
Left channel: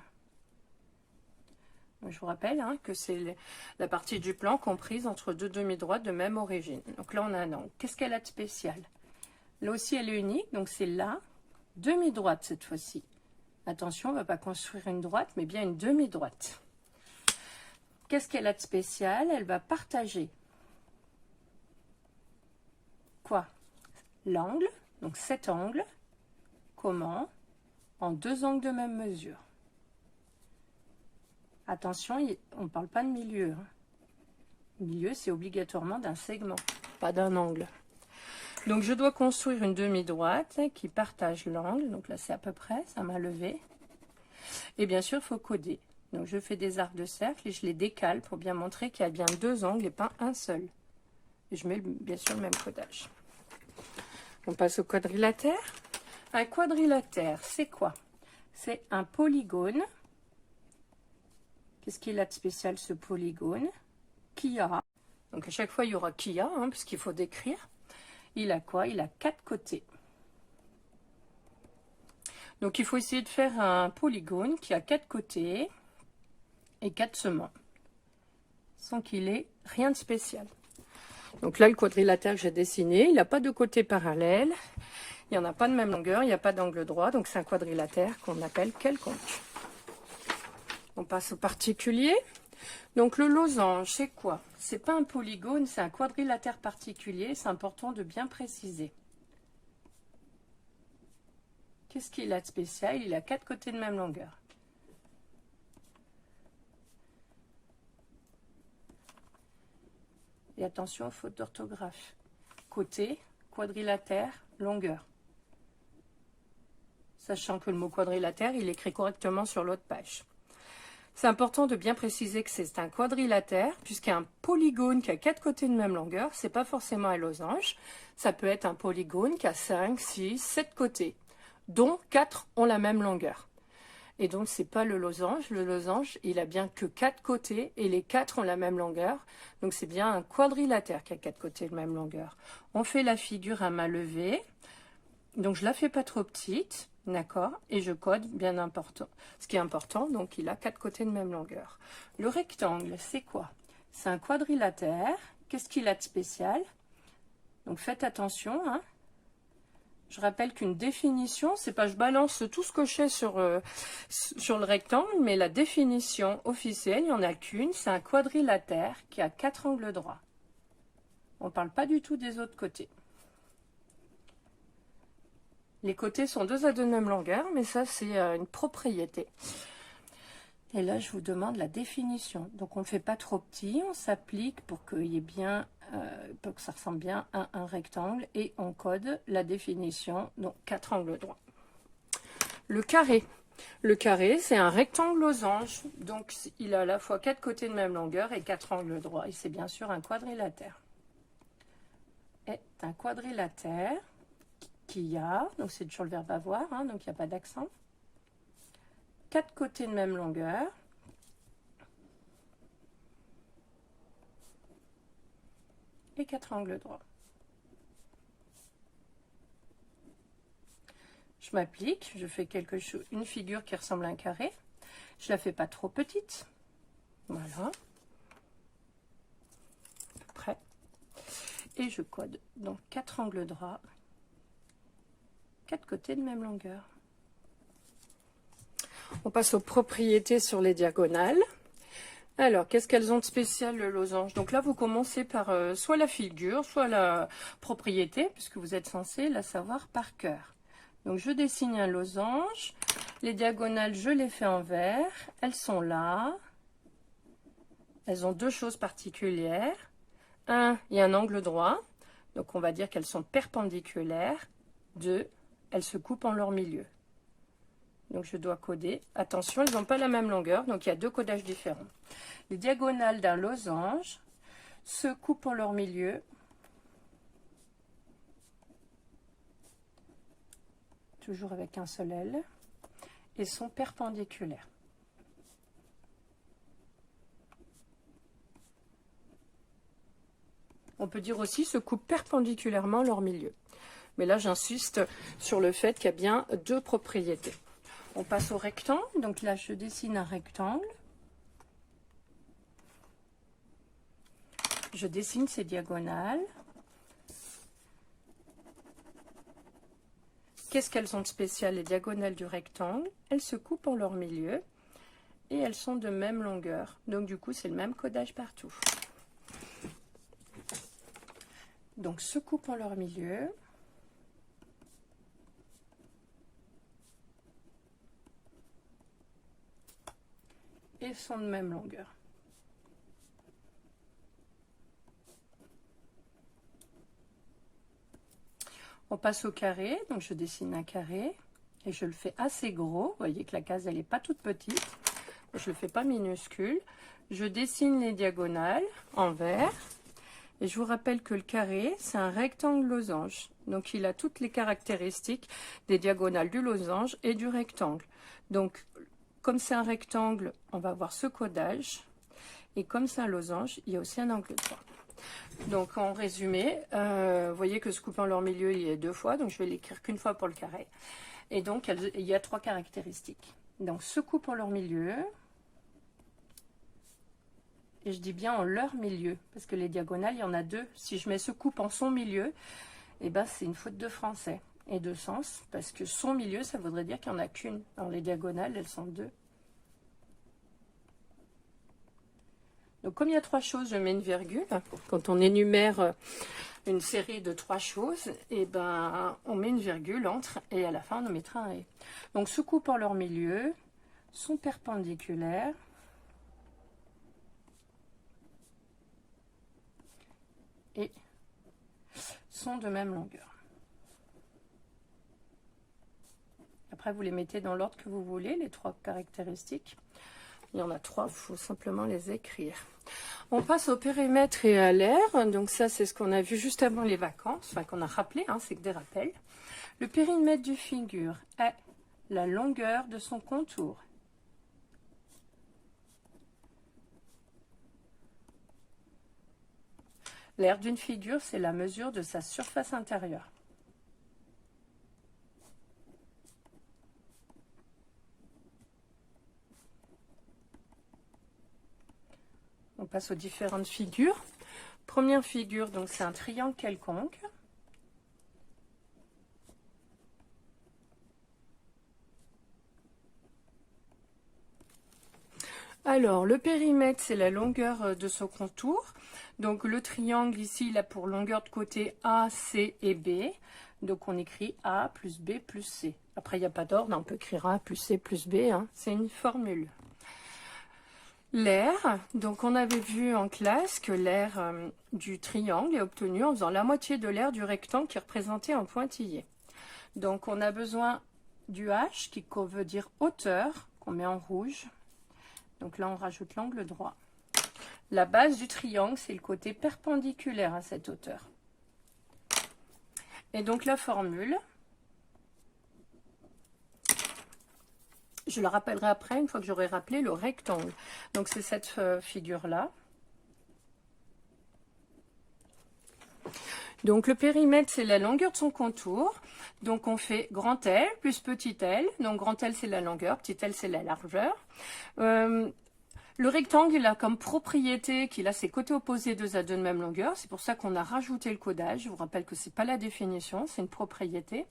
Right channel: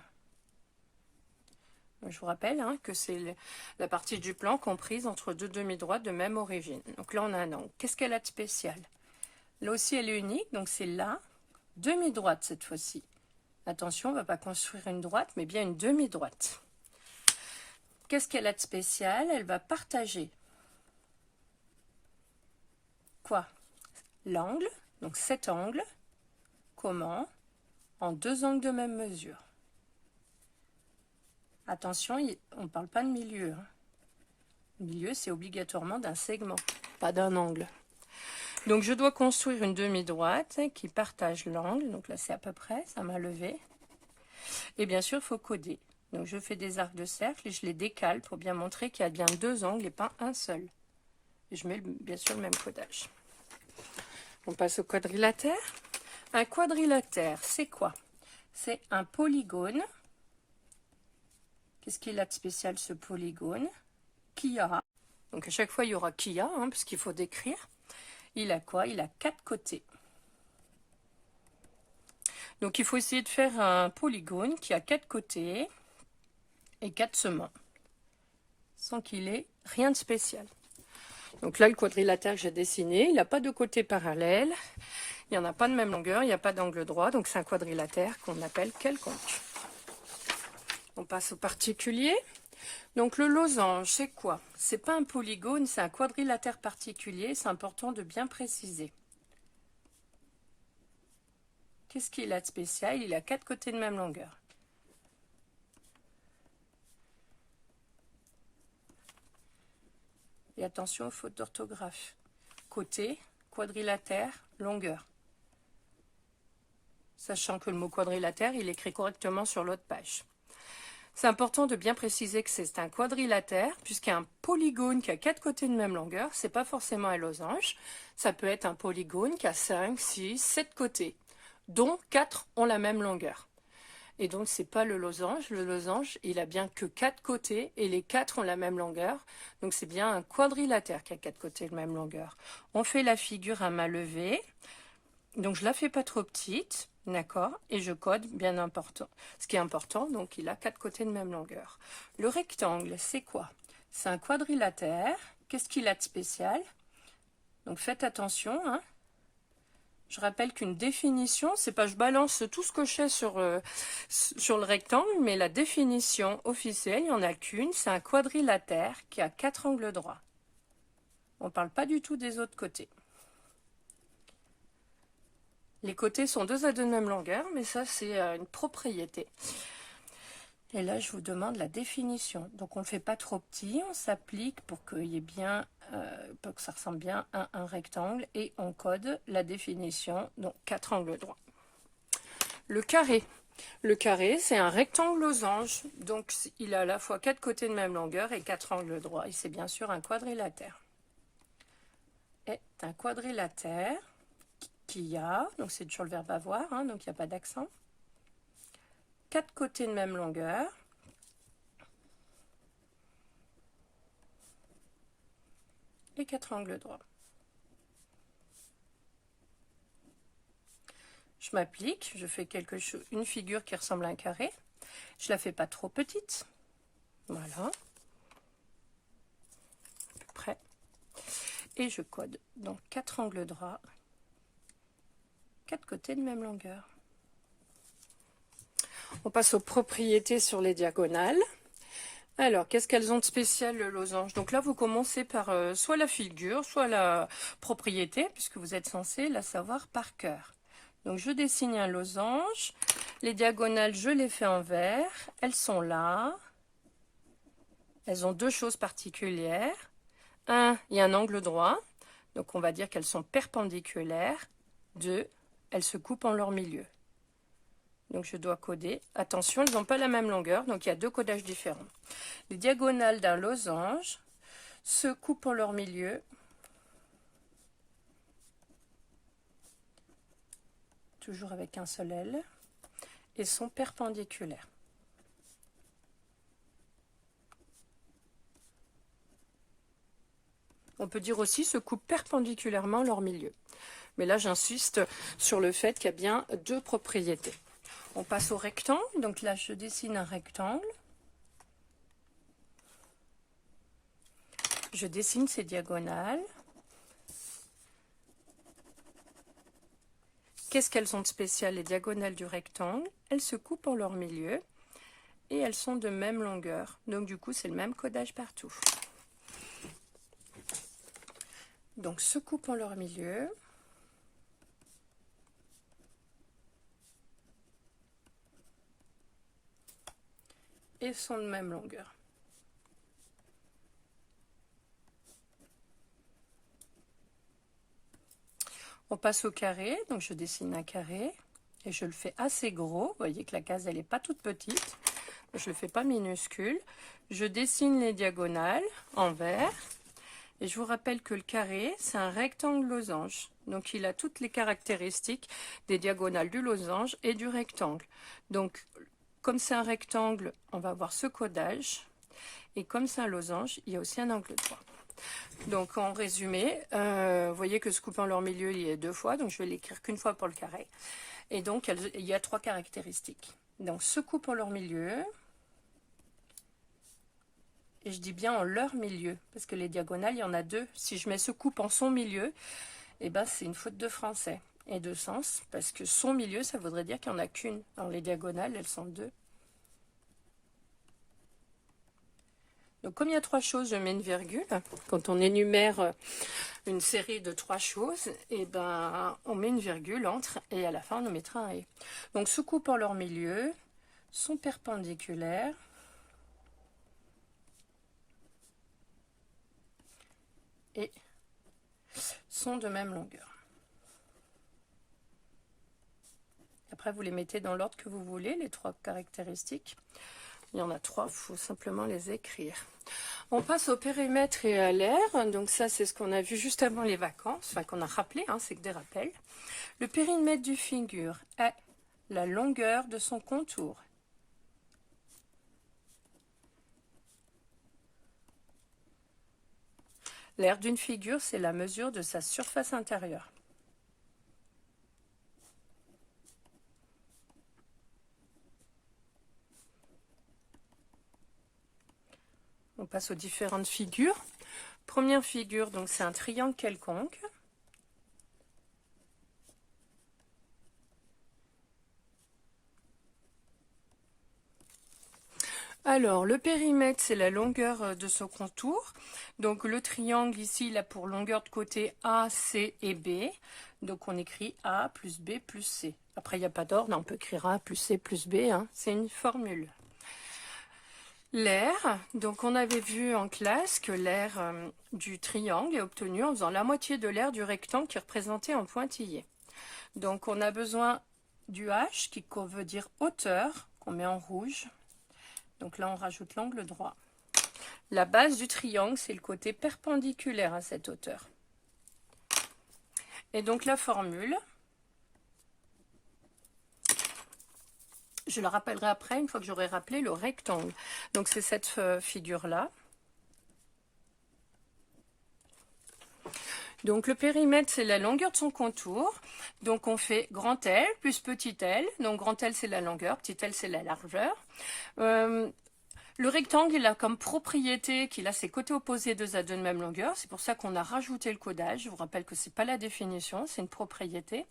Je vous rappelle hein, que c'est la partie du plan comprise entre deux demi-droites de même origine. Donc là, on a un angle. Qu'est-ce qu'elle a de spécial? Là aussi, elle est unique. Donc c'est la demi-droite cette fois-ci. Attention, on ne va pas construire une droite, mais bien une demi-droite. Qu'est-ce qu'elle a de spécial? Elle va partager quoi? L'angle. Donc cet angle. Comment? En deux angles de même mesure. Attention, on ne parle pas de milieu. Hein. Milieu, c'est obligatoirement d'un segment, pas d'un angle. Donc, je dois construire une demi-droite qui partage l'angle. Donc là, c'est à peu près, ça m'a levé. Et bien sûr, il faut coder. Donc, je fais des arcs de cercle et je les décale pour bien montrer qu'il y a bien deux angles et pas un seul. Et je mets bien sûr le même codage. On passe au quadrilatère. Un quadrilatère, c'est quoi? C'est un polygone. Qu'est-ce qu'il a de spécial ce polygone? Qui a? Donc à chaque fois il y aura qui a, hein, puisqu'il faut décrire. Il a quoi? Il a 4 côtés. Donc il faut essayer de faire un polygone qui a 4 côtés et 4 sements, sans qu'il ait rien de spécial. Donc là le quadrilatère que j'ai dessiné, il n'a pas de côté parallèle, il n'y en a pas de même longueur, il n'y a pas d'angle droit, donc c'est un quadrilatère qu'on appelle quelconque. On passe au particulier. Donc le losange, c'est quoi? C'est pas un polygone, c'est un quadrilatère particulier. C'est important de bien préciser. Qu'est-ce qu'il a de spécial? Il a 4 côtés de même longueur. Et attention aux fautes d'orthographe. Côté, quadrilatère, longueur. Sachant que le mot quadrilatère, il est écrit correctement sur l'autre page. C'est important de bien préciser que c'est un quadrilatère, puisqu'un polygone qui a 4 côtés de même longueur, c'est pas forcément un losange. Ça peut être un polygone qui a 5, 6, 7 côtés, dont 4 ont la même longueur. Et donc, c'est pas le losange. Le losange, il a bien que 4 côtés et les 4 ont la même longueur. Donc, c'est bien un quadrilatère qui a 4 côtés de même longueur. On fait la figure à main levée. Donc, je la fais pas trop petite. D'accord, et je code bien important. Ce qui est important, donc il a 4 côtés de même longueur. Le rectangle, c'est quoi? C'est un quadrilatère. Qu'est-ce qu'il a de spécial? Donc faites attention. Hein. Je rappelle qu'une définition, c'est pas je balance tout ce que je sais sur le rectangle, mais la définition officielle, il n'y en a qu'une, c'est un quadrilatère qui a 4 angles droits. On ne parle pas du tout des autres côtés. Les côtés sont 2 à 2 de même longueur, mais ça c'est une propriété. Et là, je vous demande la définition. Donc, on ne le fait pas trop petit, on s'applique pour qu'il y ait bien, pour que ça ressemble bien à un rectangle. Et on code la définition, donc 4 angles droits. Le carré. Le carré, c'est un rectangle losange. Donc, il a à la fois 4 côtés de même longueur et 4 angles droits. Et c'est bien sûr un quadrilatère. Est un quadrilatère qui a, donc c'est toujours le verbe avoir, hein, donc il n'y a pas d'accent. 4 côtés de même longueur et 4 angles droits. Je m'applique, je fais une figure qui ressemble à un carré. Je ne la fais pas trop petite. Voilà. Prêt. Et je code donc 4 angles droits, 4 côtés de même longueur. On passe aux propriétés sur les diagonales. Alors, qu'est-ce qu'elles ont de spécial, le losange? Donc là, vous commencez par soit la figure, soit la propriété, puisque vous êtes censé la savoir par cœur. Donc, je dessine un losange. Les diagonales, je les fais en vert. Elles sont là. Elles ont 2 choses particulières. Il y a un angle droit. Donc, on va dire qu'elles sont perpendiculaires. 2, elles se coupent en leur milieu. Donc, je dois coder. Attention, elles n'ont pas la même longueur, donc il y a 2 codages différents. Les diagonales d'un losange se coupent en leur milieu. Toujours avec un seul L. Et sont perpendiculaires. On peut dire aussi se coupent perpendiculairement en leur milieu. Mais là, j'insiste sur le fait qu'il y a bien 2 propriétés. On passe au rectangle. Donc là, je dessine un rectangle. Je dessine ces diagonales. Qu'est-ce qu'elles ont de spécial, les diagonales du rectangle? Elles se coupent en leur milieu et elles sont de même longueur. Donc du coup, c'est le même codage partout. Donc, se coupent en leur milieu. Et sont de même longueur. On passe au carré, donc je dessine un carré et je le fais assez gros. Vous voyez que la case, elle n'est pas toute petite. Je ne le fais pas minuscule. Je dessine les diagonales en vert. Et je vous rappelle que le carré, c'est un rectangle losange. Donc, il a toutes les caractéristiques des diagonales du losange et du rectangle. Donc, comme c'est un rectangle, on va avoir ce codage. Et comme c'est un losange, il y a aussi un angle droit. Donc, en résumé, vous voyez que se coupe en leur milieu, il y a 2 fois. Donc, je vais l'écrire qu'une fois pour le carré. Et donc, il y a 3 caractéristiques. Donc, se coupe en leur milieu. Et je dis bien en leur milieu, parce que les diagonales, il y en a 2. Si je mets se coupe en son milieu, eh ben, c'est une faute de français et de sens, parce que son milieu, ça voudrait dire qu'il n'y en a qu'une. Dans les diagonales, elles sont 2. Donc, comme il y a 3 choses, je mets une virgule. Quand on énumère une série de 3 choses, eh ben, on met une virgule entre, et à la fin, on en mettra un « et ». Donc, se coupe en leur milieu, sont perpendiculaires, et sont de même longueur. Après, vous les mettez dans l'ordre que vous voulez, les 3 caractéristiques. Il y en a 3, il faut simplement les écrire. On passe au périmètre et à l'air. Donc ça, c'est ce qu'on a vu juste avant les vacances, enfin qu'on a rappelé, hein, c'est que des rappels. Le périmètre du figure est la longueur de son contour. L'aire d'une figure, c'est la mesure de sa surface intérieure. On passe aux différentes figures. Première figure, donc c'est un triangle quelconque. Alors, le périmètre, c'est la longueur de son contour. Donc, le triangle, ici, il a pour longueur de côté A, C et B. Donc on écrit A plus B plus C. Après, il n'y a pas d'ordre, on peut écrire A plus C plus B, hein. C'est une formule. L'aire, donc on avait vu en classe que l'aire du triangle est obtenu en faisant la moitié de l'aire du rectangle qui est représenté en pointillé. Donc on a besoin du H qui veut dire hauteur, qu'on met en rouge. Donc là on rajoute l'angle droit. La base du triangle, c'est le côté perpendiculaire à cette hauteur. Et donc la formule, je la rappellerai après, une fois que j'aurai rappelé le rectangle. Donc c'est cette figure-là. Donc le périmètre, c'est la longueur de son contour. Donc on fait grand L plus petit l. Donc grand L, c'est la longueur, petit l, c'est la largeur. Le rectangle, il a comme propriété qu'il a ses côtés opposés deux à deux de même longueur. C'est pour ça qu'on a rajouté le codage. Je vous rappelle que ce n'est pas la définition, c'est une propriété.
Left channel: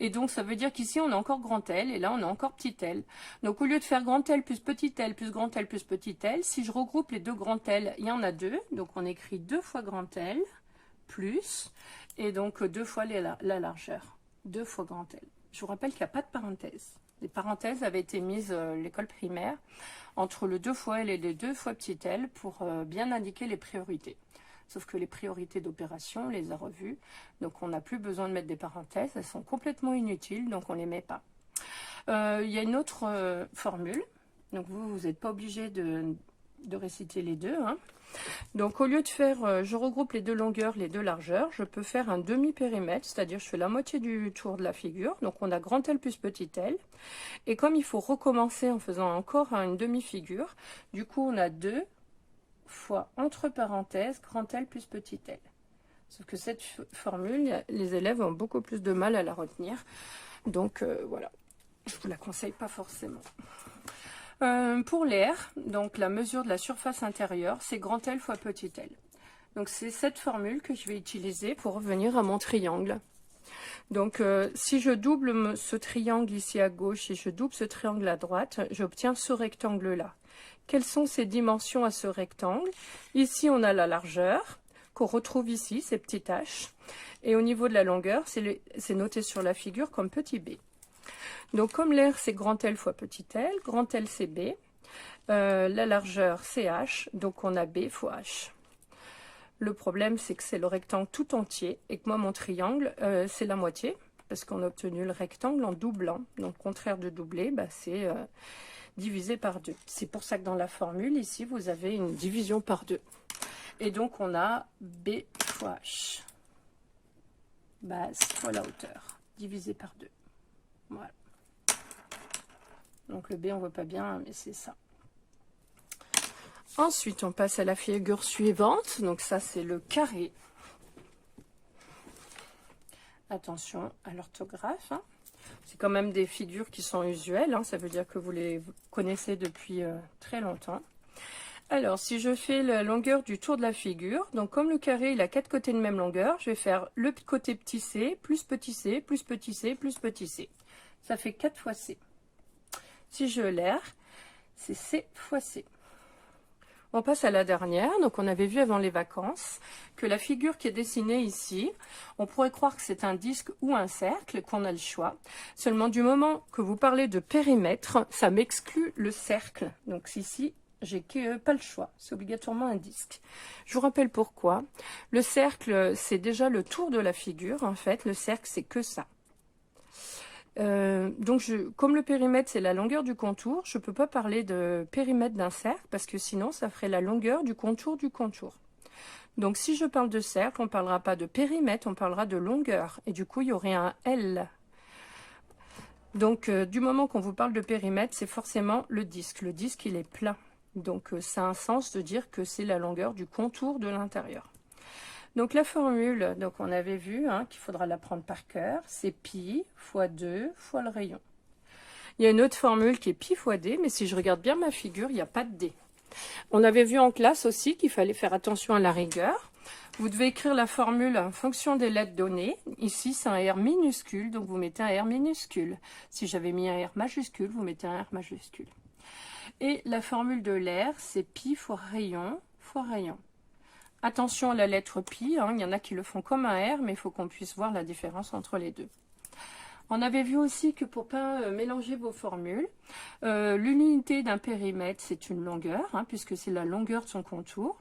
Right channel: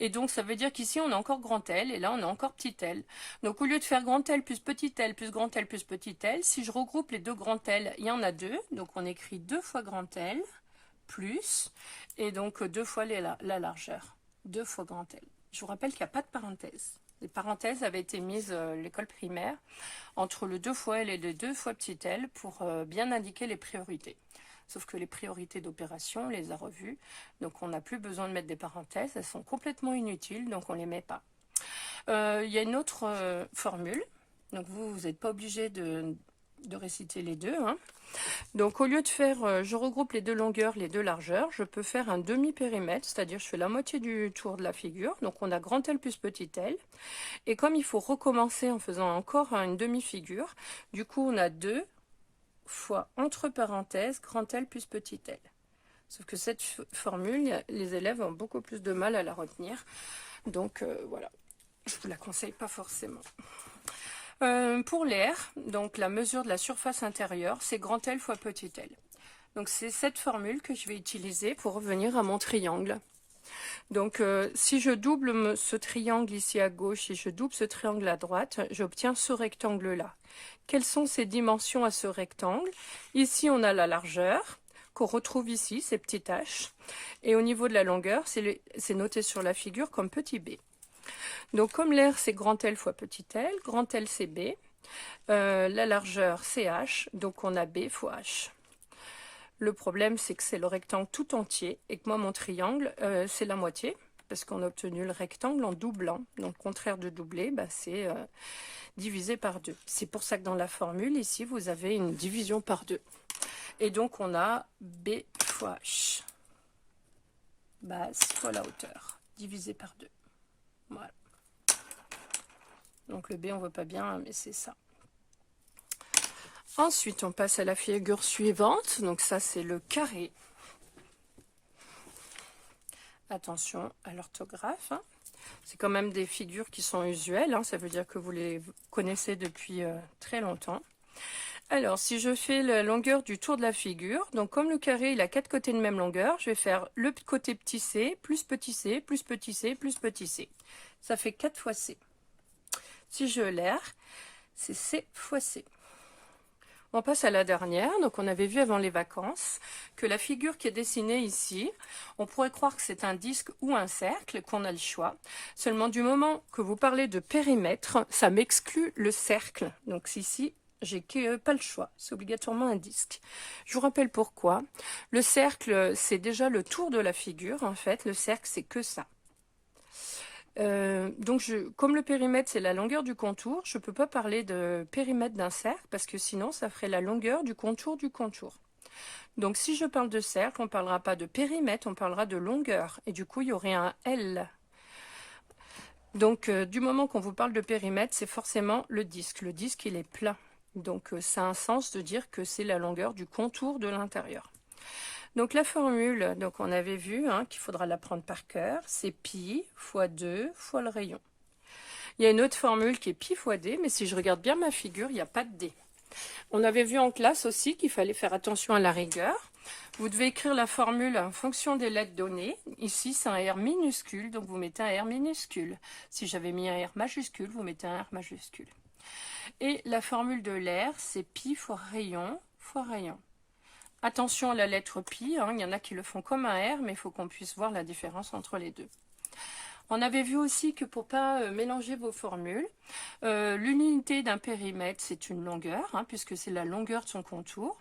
Et donc, ça veut dire qu'ici, on a encore grand L et là, on a encore petit l. Donc, au lieu de faire grand L plus petit l plus grand L plus petit l, si je regroupe les deux grands L, il y en a deux. Donc, on écrit 2 fois grand L plus, et donc 2 fois la largeur. 2 fois grand L. Je vous rappelle qu'il n'y a pas de parenthèse. Les parenthèses avaient été mises à l'école primaire entre le 2 fois L et le 2 fois petit l pour bien indiquer les priorités. Sauf que les priorités d'opération, on les a revues, donc on n'a plus besoin de mettre des parenthèses, elles sont complètement inutiles, donc on ne les met pas. Il y a une autre formule, donc vous n'êtes pas obligé de réciter les deux, hein. Donc au lieu de faire, je regroupe les deux longueurs, les deux largeurs, je peux faire un demi-périmètre, c'est-à-dire je fais la moitié du tour de la figure, donc on a grand L plus petit l, et comme il faut recommencer en faisant encore une demi-figure, du coup on a 2 fois entre parenthèses grand L plus petit l. Sauf que cette formule, les élèves ont beaucoup plus de mal à la retenir, donc voilà, je ne vous la conseille pas forcément. Pour l'air, donc la mesure de la surface intérieure, c'est grand L fois petit l. Donc c'est cette formule que je vais utiliser pour revenir à mon triangle. Donc si je double ce triangle ici à gauche, si je double ce triangle à droite, j'obtiens ce rectangle-là. Quelles sont ses dimensions à ce rectangle? Ici, on a la largeur, qu'on retrouve ici, ces petits h. Et au niveau de la longueur, c'est noté sur la figure comme petit b. Donc comme l'air c'est grand L fois petit l, grand L c'est b, la largeur c'est h, donc on a b fois h. Le problème c'est que c'est le rectangle tout entier et que moi mon triangle c'est la moitié, parce qu'on a obtenu le rectangle en doublant. Donc contraire de doubler, bah, c'est divisé par 2. C'est pour ça que dans la formule ici vous avez une division par 2. Et donc on a b fois h, base fois la hauteur, divisé par 2. Voilà. Donc le B, on ne voit pas bien, mais c'est ça. Ensuite, on passe à la figure suivante. Donc ça, c'est le carré. Attention à l'orthographe, hein. C'est quand même des figures qui sont usuelles, hein. Ça veut dire que vous les connaissez depuis très longtemps. Alors, si je fais la longueur du tour de la figure, donc comme le carré, il a 4 côtés de même longueur, je vais faire le côté petit c, plus petit c, plus petit c, plus petit c. Ça fait 4 fois c. Si je l'air, c'est C fois C. On passe à la dernière. Donc on avait vu avant les vacances que la figure qui est dessinée ici, on pourrait croire que c'est un disque ou un cercle, qu'on a le choix. Seulement du moment que vous parlez de périmètre, ça m'exclut le cercle. Donc ici, j'ai pas le choix. C'est obligatoirement un disque. Je vous rappelle pourquoi. Le cercle, c'est déjà le tour de la figure. En fait, le cercle, c'est que ça. Donc comme le périmètre c'est la longueur du contour, je ne peux pas parler de périmètre d'un cercle parce que sinon ça ferait la longueur du contour du contour. Donc si je parle de cercle, on ne parlera pas de périmètre, on parlera de longueur et du coup il y aurait un L. Donc du moment qu'on vous parle de périmètre, c'est forcément le disque. Le disque il est plat, donc ça a un sens de dire que c'est la longueur du contour de l'intérieur. Donc la formule, donc on avait vu qu'il faudra l'apprendre par cœur, c'est pi fois 2 fois le rayon. Il y a une autre formule qui est pi fois d, mais si je regarde bien ma figure, il n'y a pas de d. On avait vu en classe aussi qu'il fallait faire attention à la rigueur. Vous devez écrire la formule en fonction des lettres données. Ici, c'est un R minuscule, donc vous mettez un R minuscule. Si j'avais mis un R majuscule, vous mettez un R majuscule. Et la formule de l'air, c'est pi fois rayon fois rayon. Attention à la lettre pi, hein, il y en a qui le font comme un R, mais il faut qu'on puisse voir la différence entre les deux. On avait vu aussi que pour ne pas mélanger vos formules, l'unité d'un périmètre, c'est une longueur, hein, puisque c'est la longueur de son contour.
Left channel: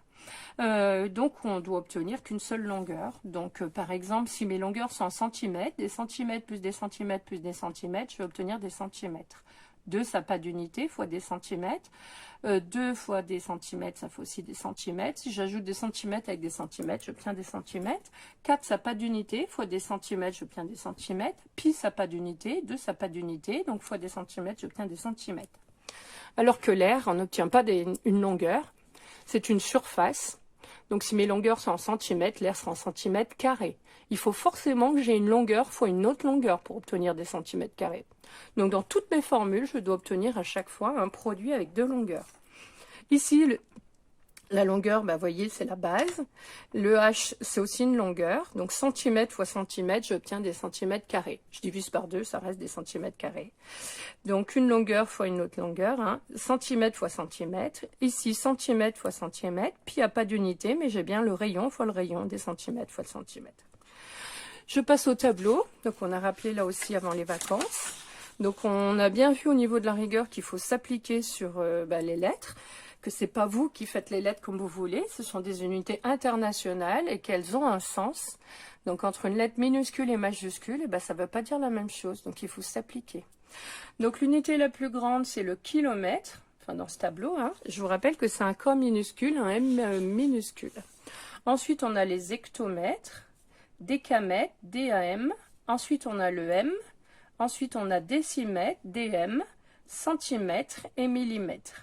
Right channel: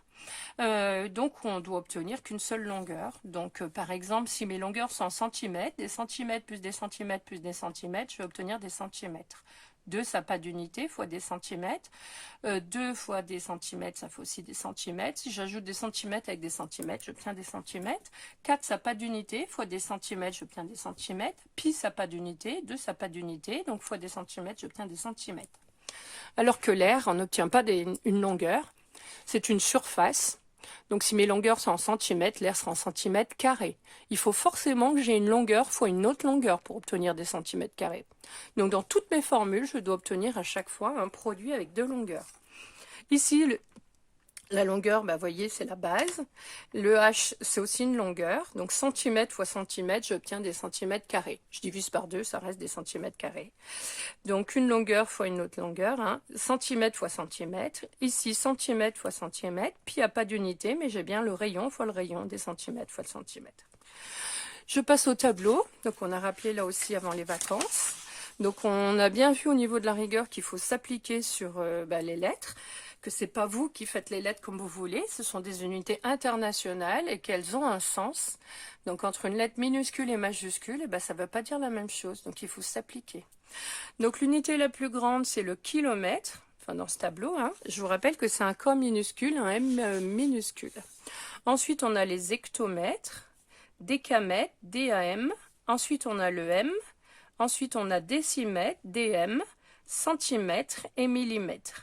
Donc on doit obtenir qu'une seule longueur. Donc par exemple, si mes longueurs sont en centimètres, des centimètres plus des centimètres plus des centimètres, je vais obtenir des centimètres. 2, ça n'a pas d'unité, fois des centimètres. 2 fois des centimètres, ça fait aussi des centimètres. Si j'ajoute des centimètres avec des centimètres, j'obtiens des centimètres. 4, ça n'a pas d'unité, fois des centimètres, j'obtiens des centimètres. Pi, ça n'a pas d'unité. 2, ça n'a pas d'unité, donc fois des centimètres, j'obtiens des centimètres. Alors que l'air, on n'obtient pas une longueur, c'est une surface. Donc si mes longueurs sont en centimètres, l'air sera en centimètres carrés. Il faut forcément que j'ai une longueur fois une autre longueur pour obtenir des centimètres carrés. Donc dans toutes mes formules, je dois obtenir à chaque fois un produit avec 2 longueurs. Ici, la longueur, vous voyez, c'est la base. Le H, c'est aussi une longueur. Donc centimètre fois centimètre, j'obtiens des centimètres carrés. Je divise par 2, ça reste des centimètres carrés. Donc une longueur fois une autre longueur, hein. Centimètre fois centimètre. Ici, centimètre fois centimètre. Puis il n'y a pas d'unité, mais j'ai bien le rayon fois le rayon, des centimètres fois le centimètre. Je passe au tableau. Donc on a rappelé là aussi avant les vacances. Donc on a bien vu au niveau de la rigueur qu'il faut s'appliquer sur les lettres, que c'est pas vous qui faites les lettres comme vous voulez, ce sont des unités internationales et qu'elles ont un sens. Donc entre une lettre minuscule et majuscule, ça ne veut pas dire la même chose, donc il faut s'appliquer. Donc l'unité la plus grande, c'est le kilomètre, enfin dans ce tableau, hein. Je vous rappelle que c'est un K minuscule, un M minuscule. Ensuite, on a les hectomètres, décamètres, DAM. Ensuite, on a le M. Ensuite, on a décimètre, DM, centimètre et millimètre.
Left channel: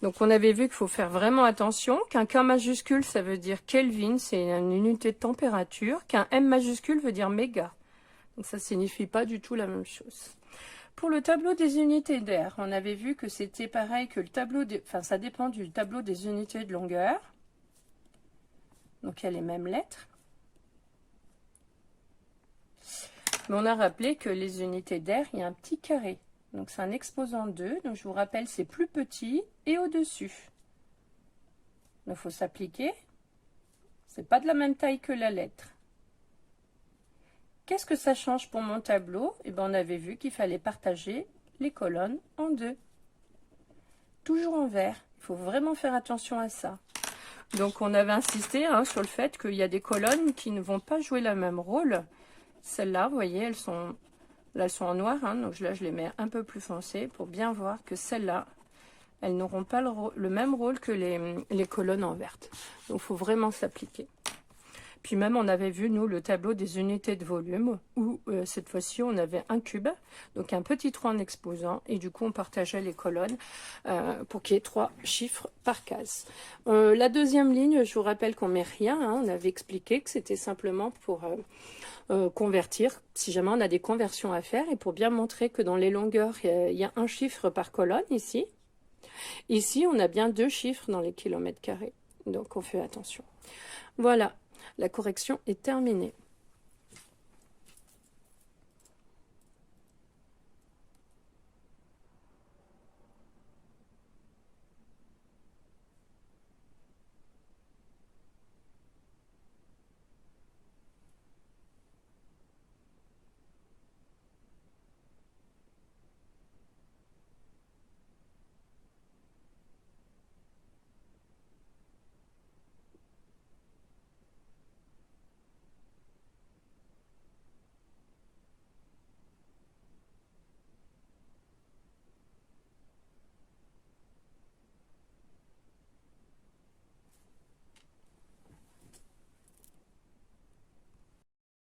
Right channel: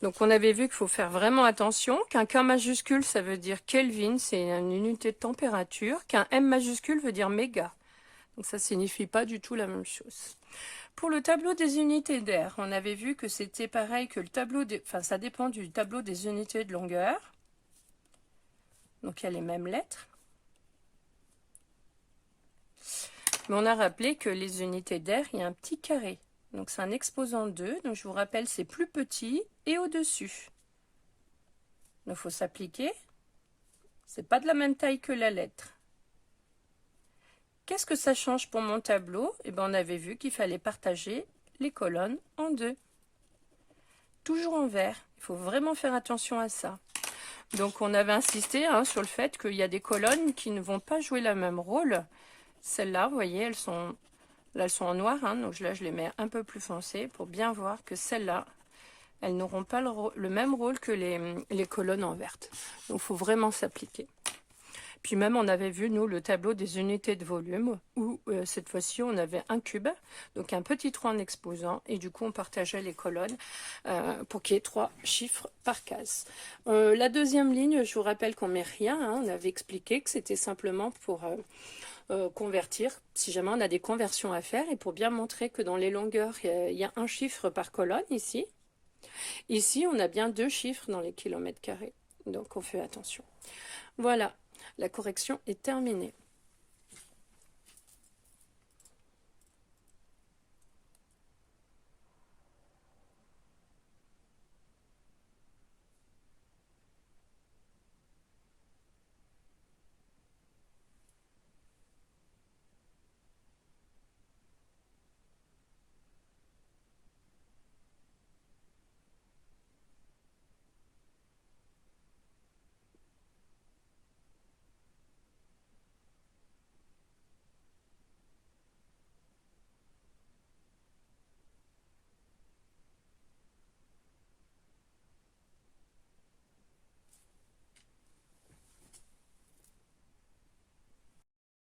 Donc, on avait vu qu'il faut faire vraiment attention. Qu'un K majuscule, ça veut dire Kelvin, c'est une unité de température. Qu'un M majuscule veut dire méga. Donc, ça ne signifie pas du tout la même chose. Pour le tableau des unités d'air, on avait vu que c'était pareil que le tableau, ça dépend du tableau des unités de longueur. Donc, il y a les mêmes lettres. Mais on a rappelé que les unités d'air, il y a un petit carré. Donc c'est un exposant 2. Donc je vous rappelle, c'est plus petit et au-dessus. Donc il faut s'appliquer. C'est pas de la même taille que la lettre. Qu'est-ce que ça change pour mon tableau? On avait vu qu'il fallait partager les colonnes en 2. Toujours en vert. Il faut vraiment faire attention à ça. Donc on avait insisté sur le fait qu'il y a des colonnes qui ne vont pas jouer le même rôle. Celles-là, vous voyez, elles sont en noir, donc là je les mets un peu plus foncées pour bien voir que celles-là, elles n'auront pas le même rôle que les colonnes en verte. Donc il faut vraiment s'appliquer. Puis même on avait vu, nous, le tableau des unités de volume, où cette fois-ci on avait un cube, donc un petit 3 en exposant, et du coup on partageait les colonnes pour qu'il y ait 3 chiffres par case. La deuxième ligne, je vous rappelle qu'on ne met rien, on avait expliqué que c'était simplement pour convertir, si jamais on a des conversions à faire, et pour bien montrer que dans les longueurs, il y a un chiffre par colonne ici. Ici, on a bien 2 chiffres dans les kilomètres carrés, donc on fait attention. Voilà, la correction est terminée.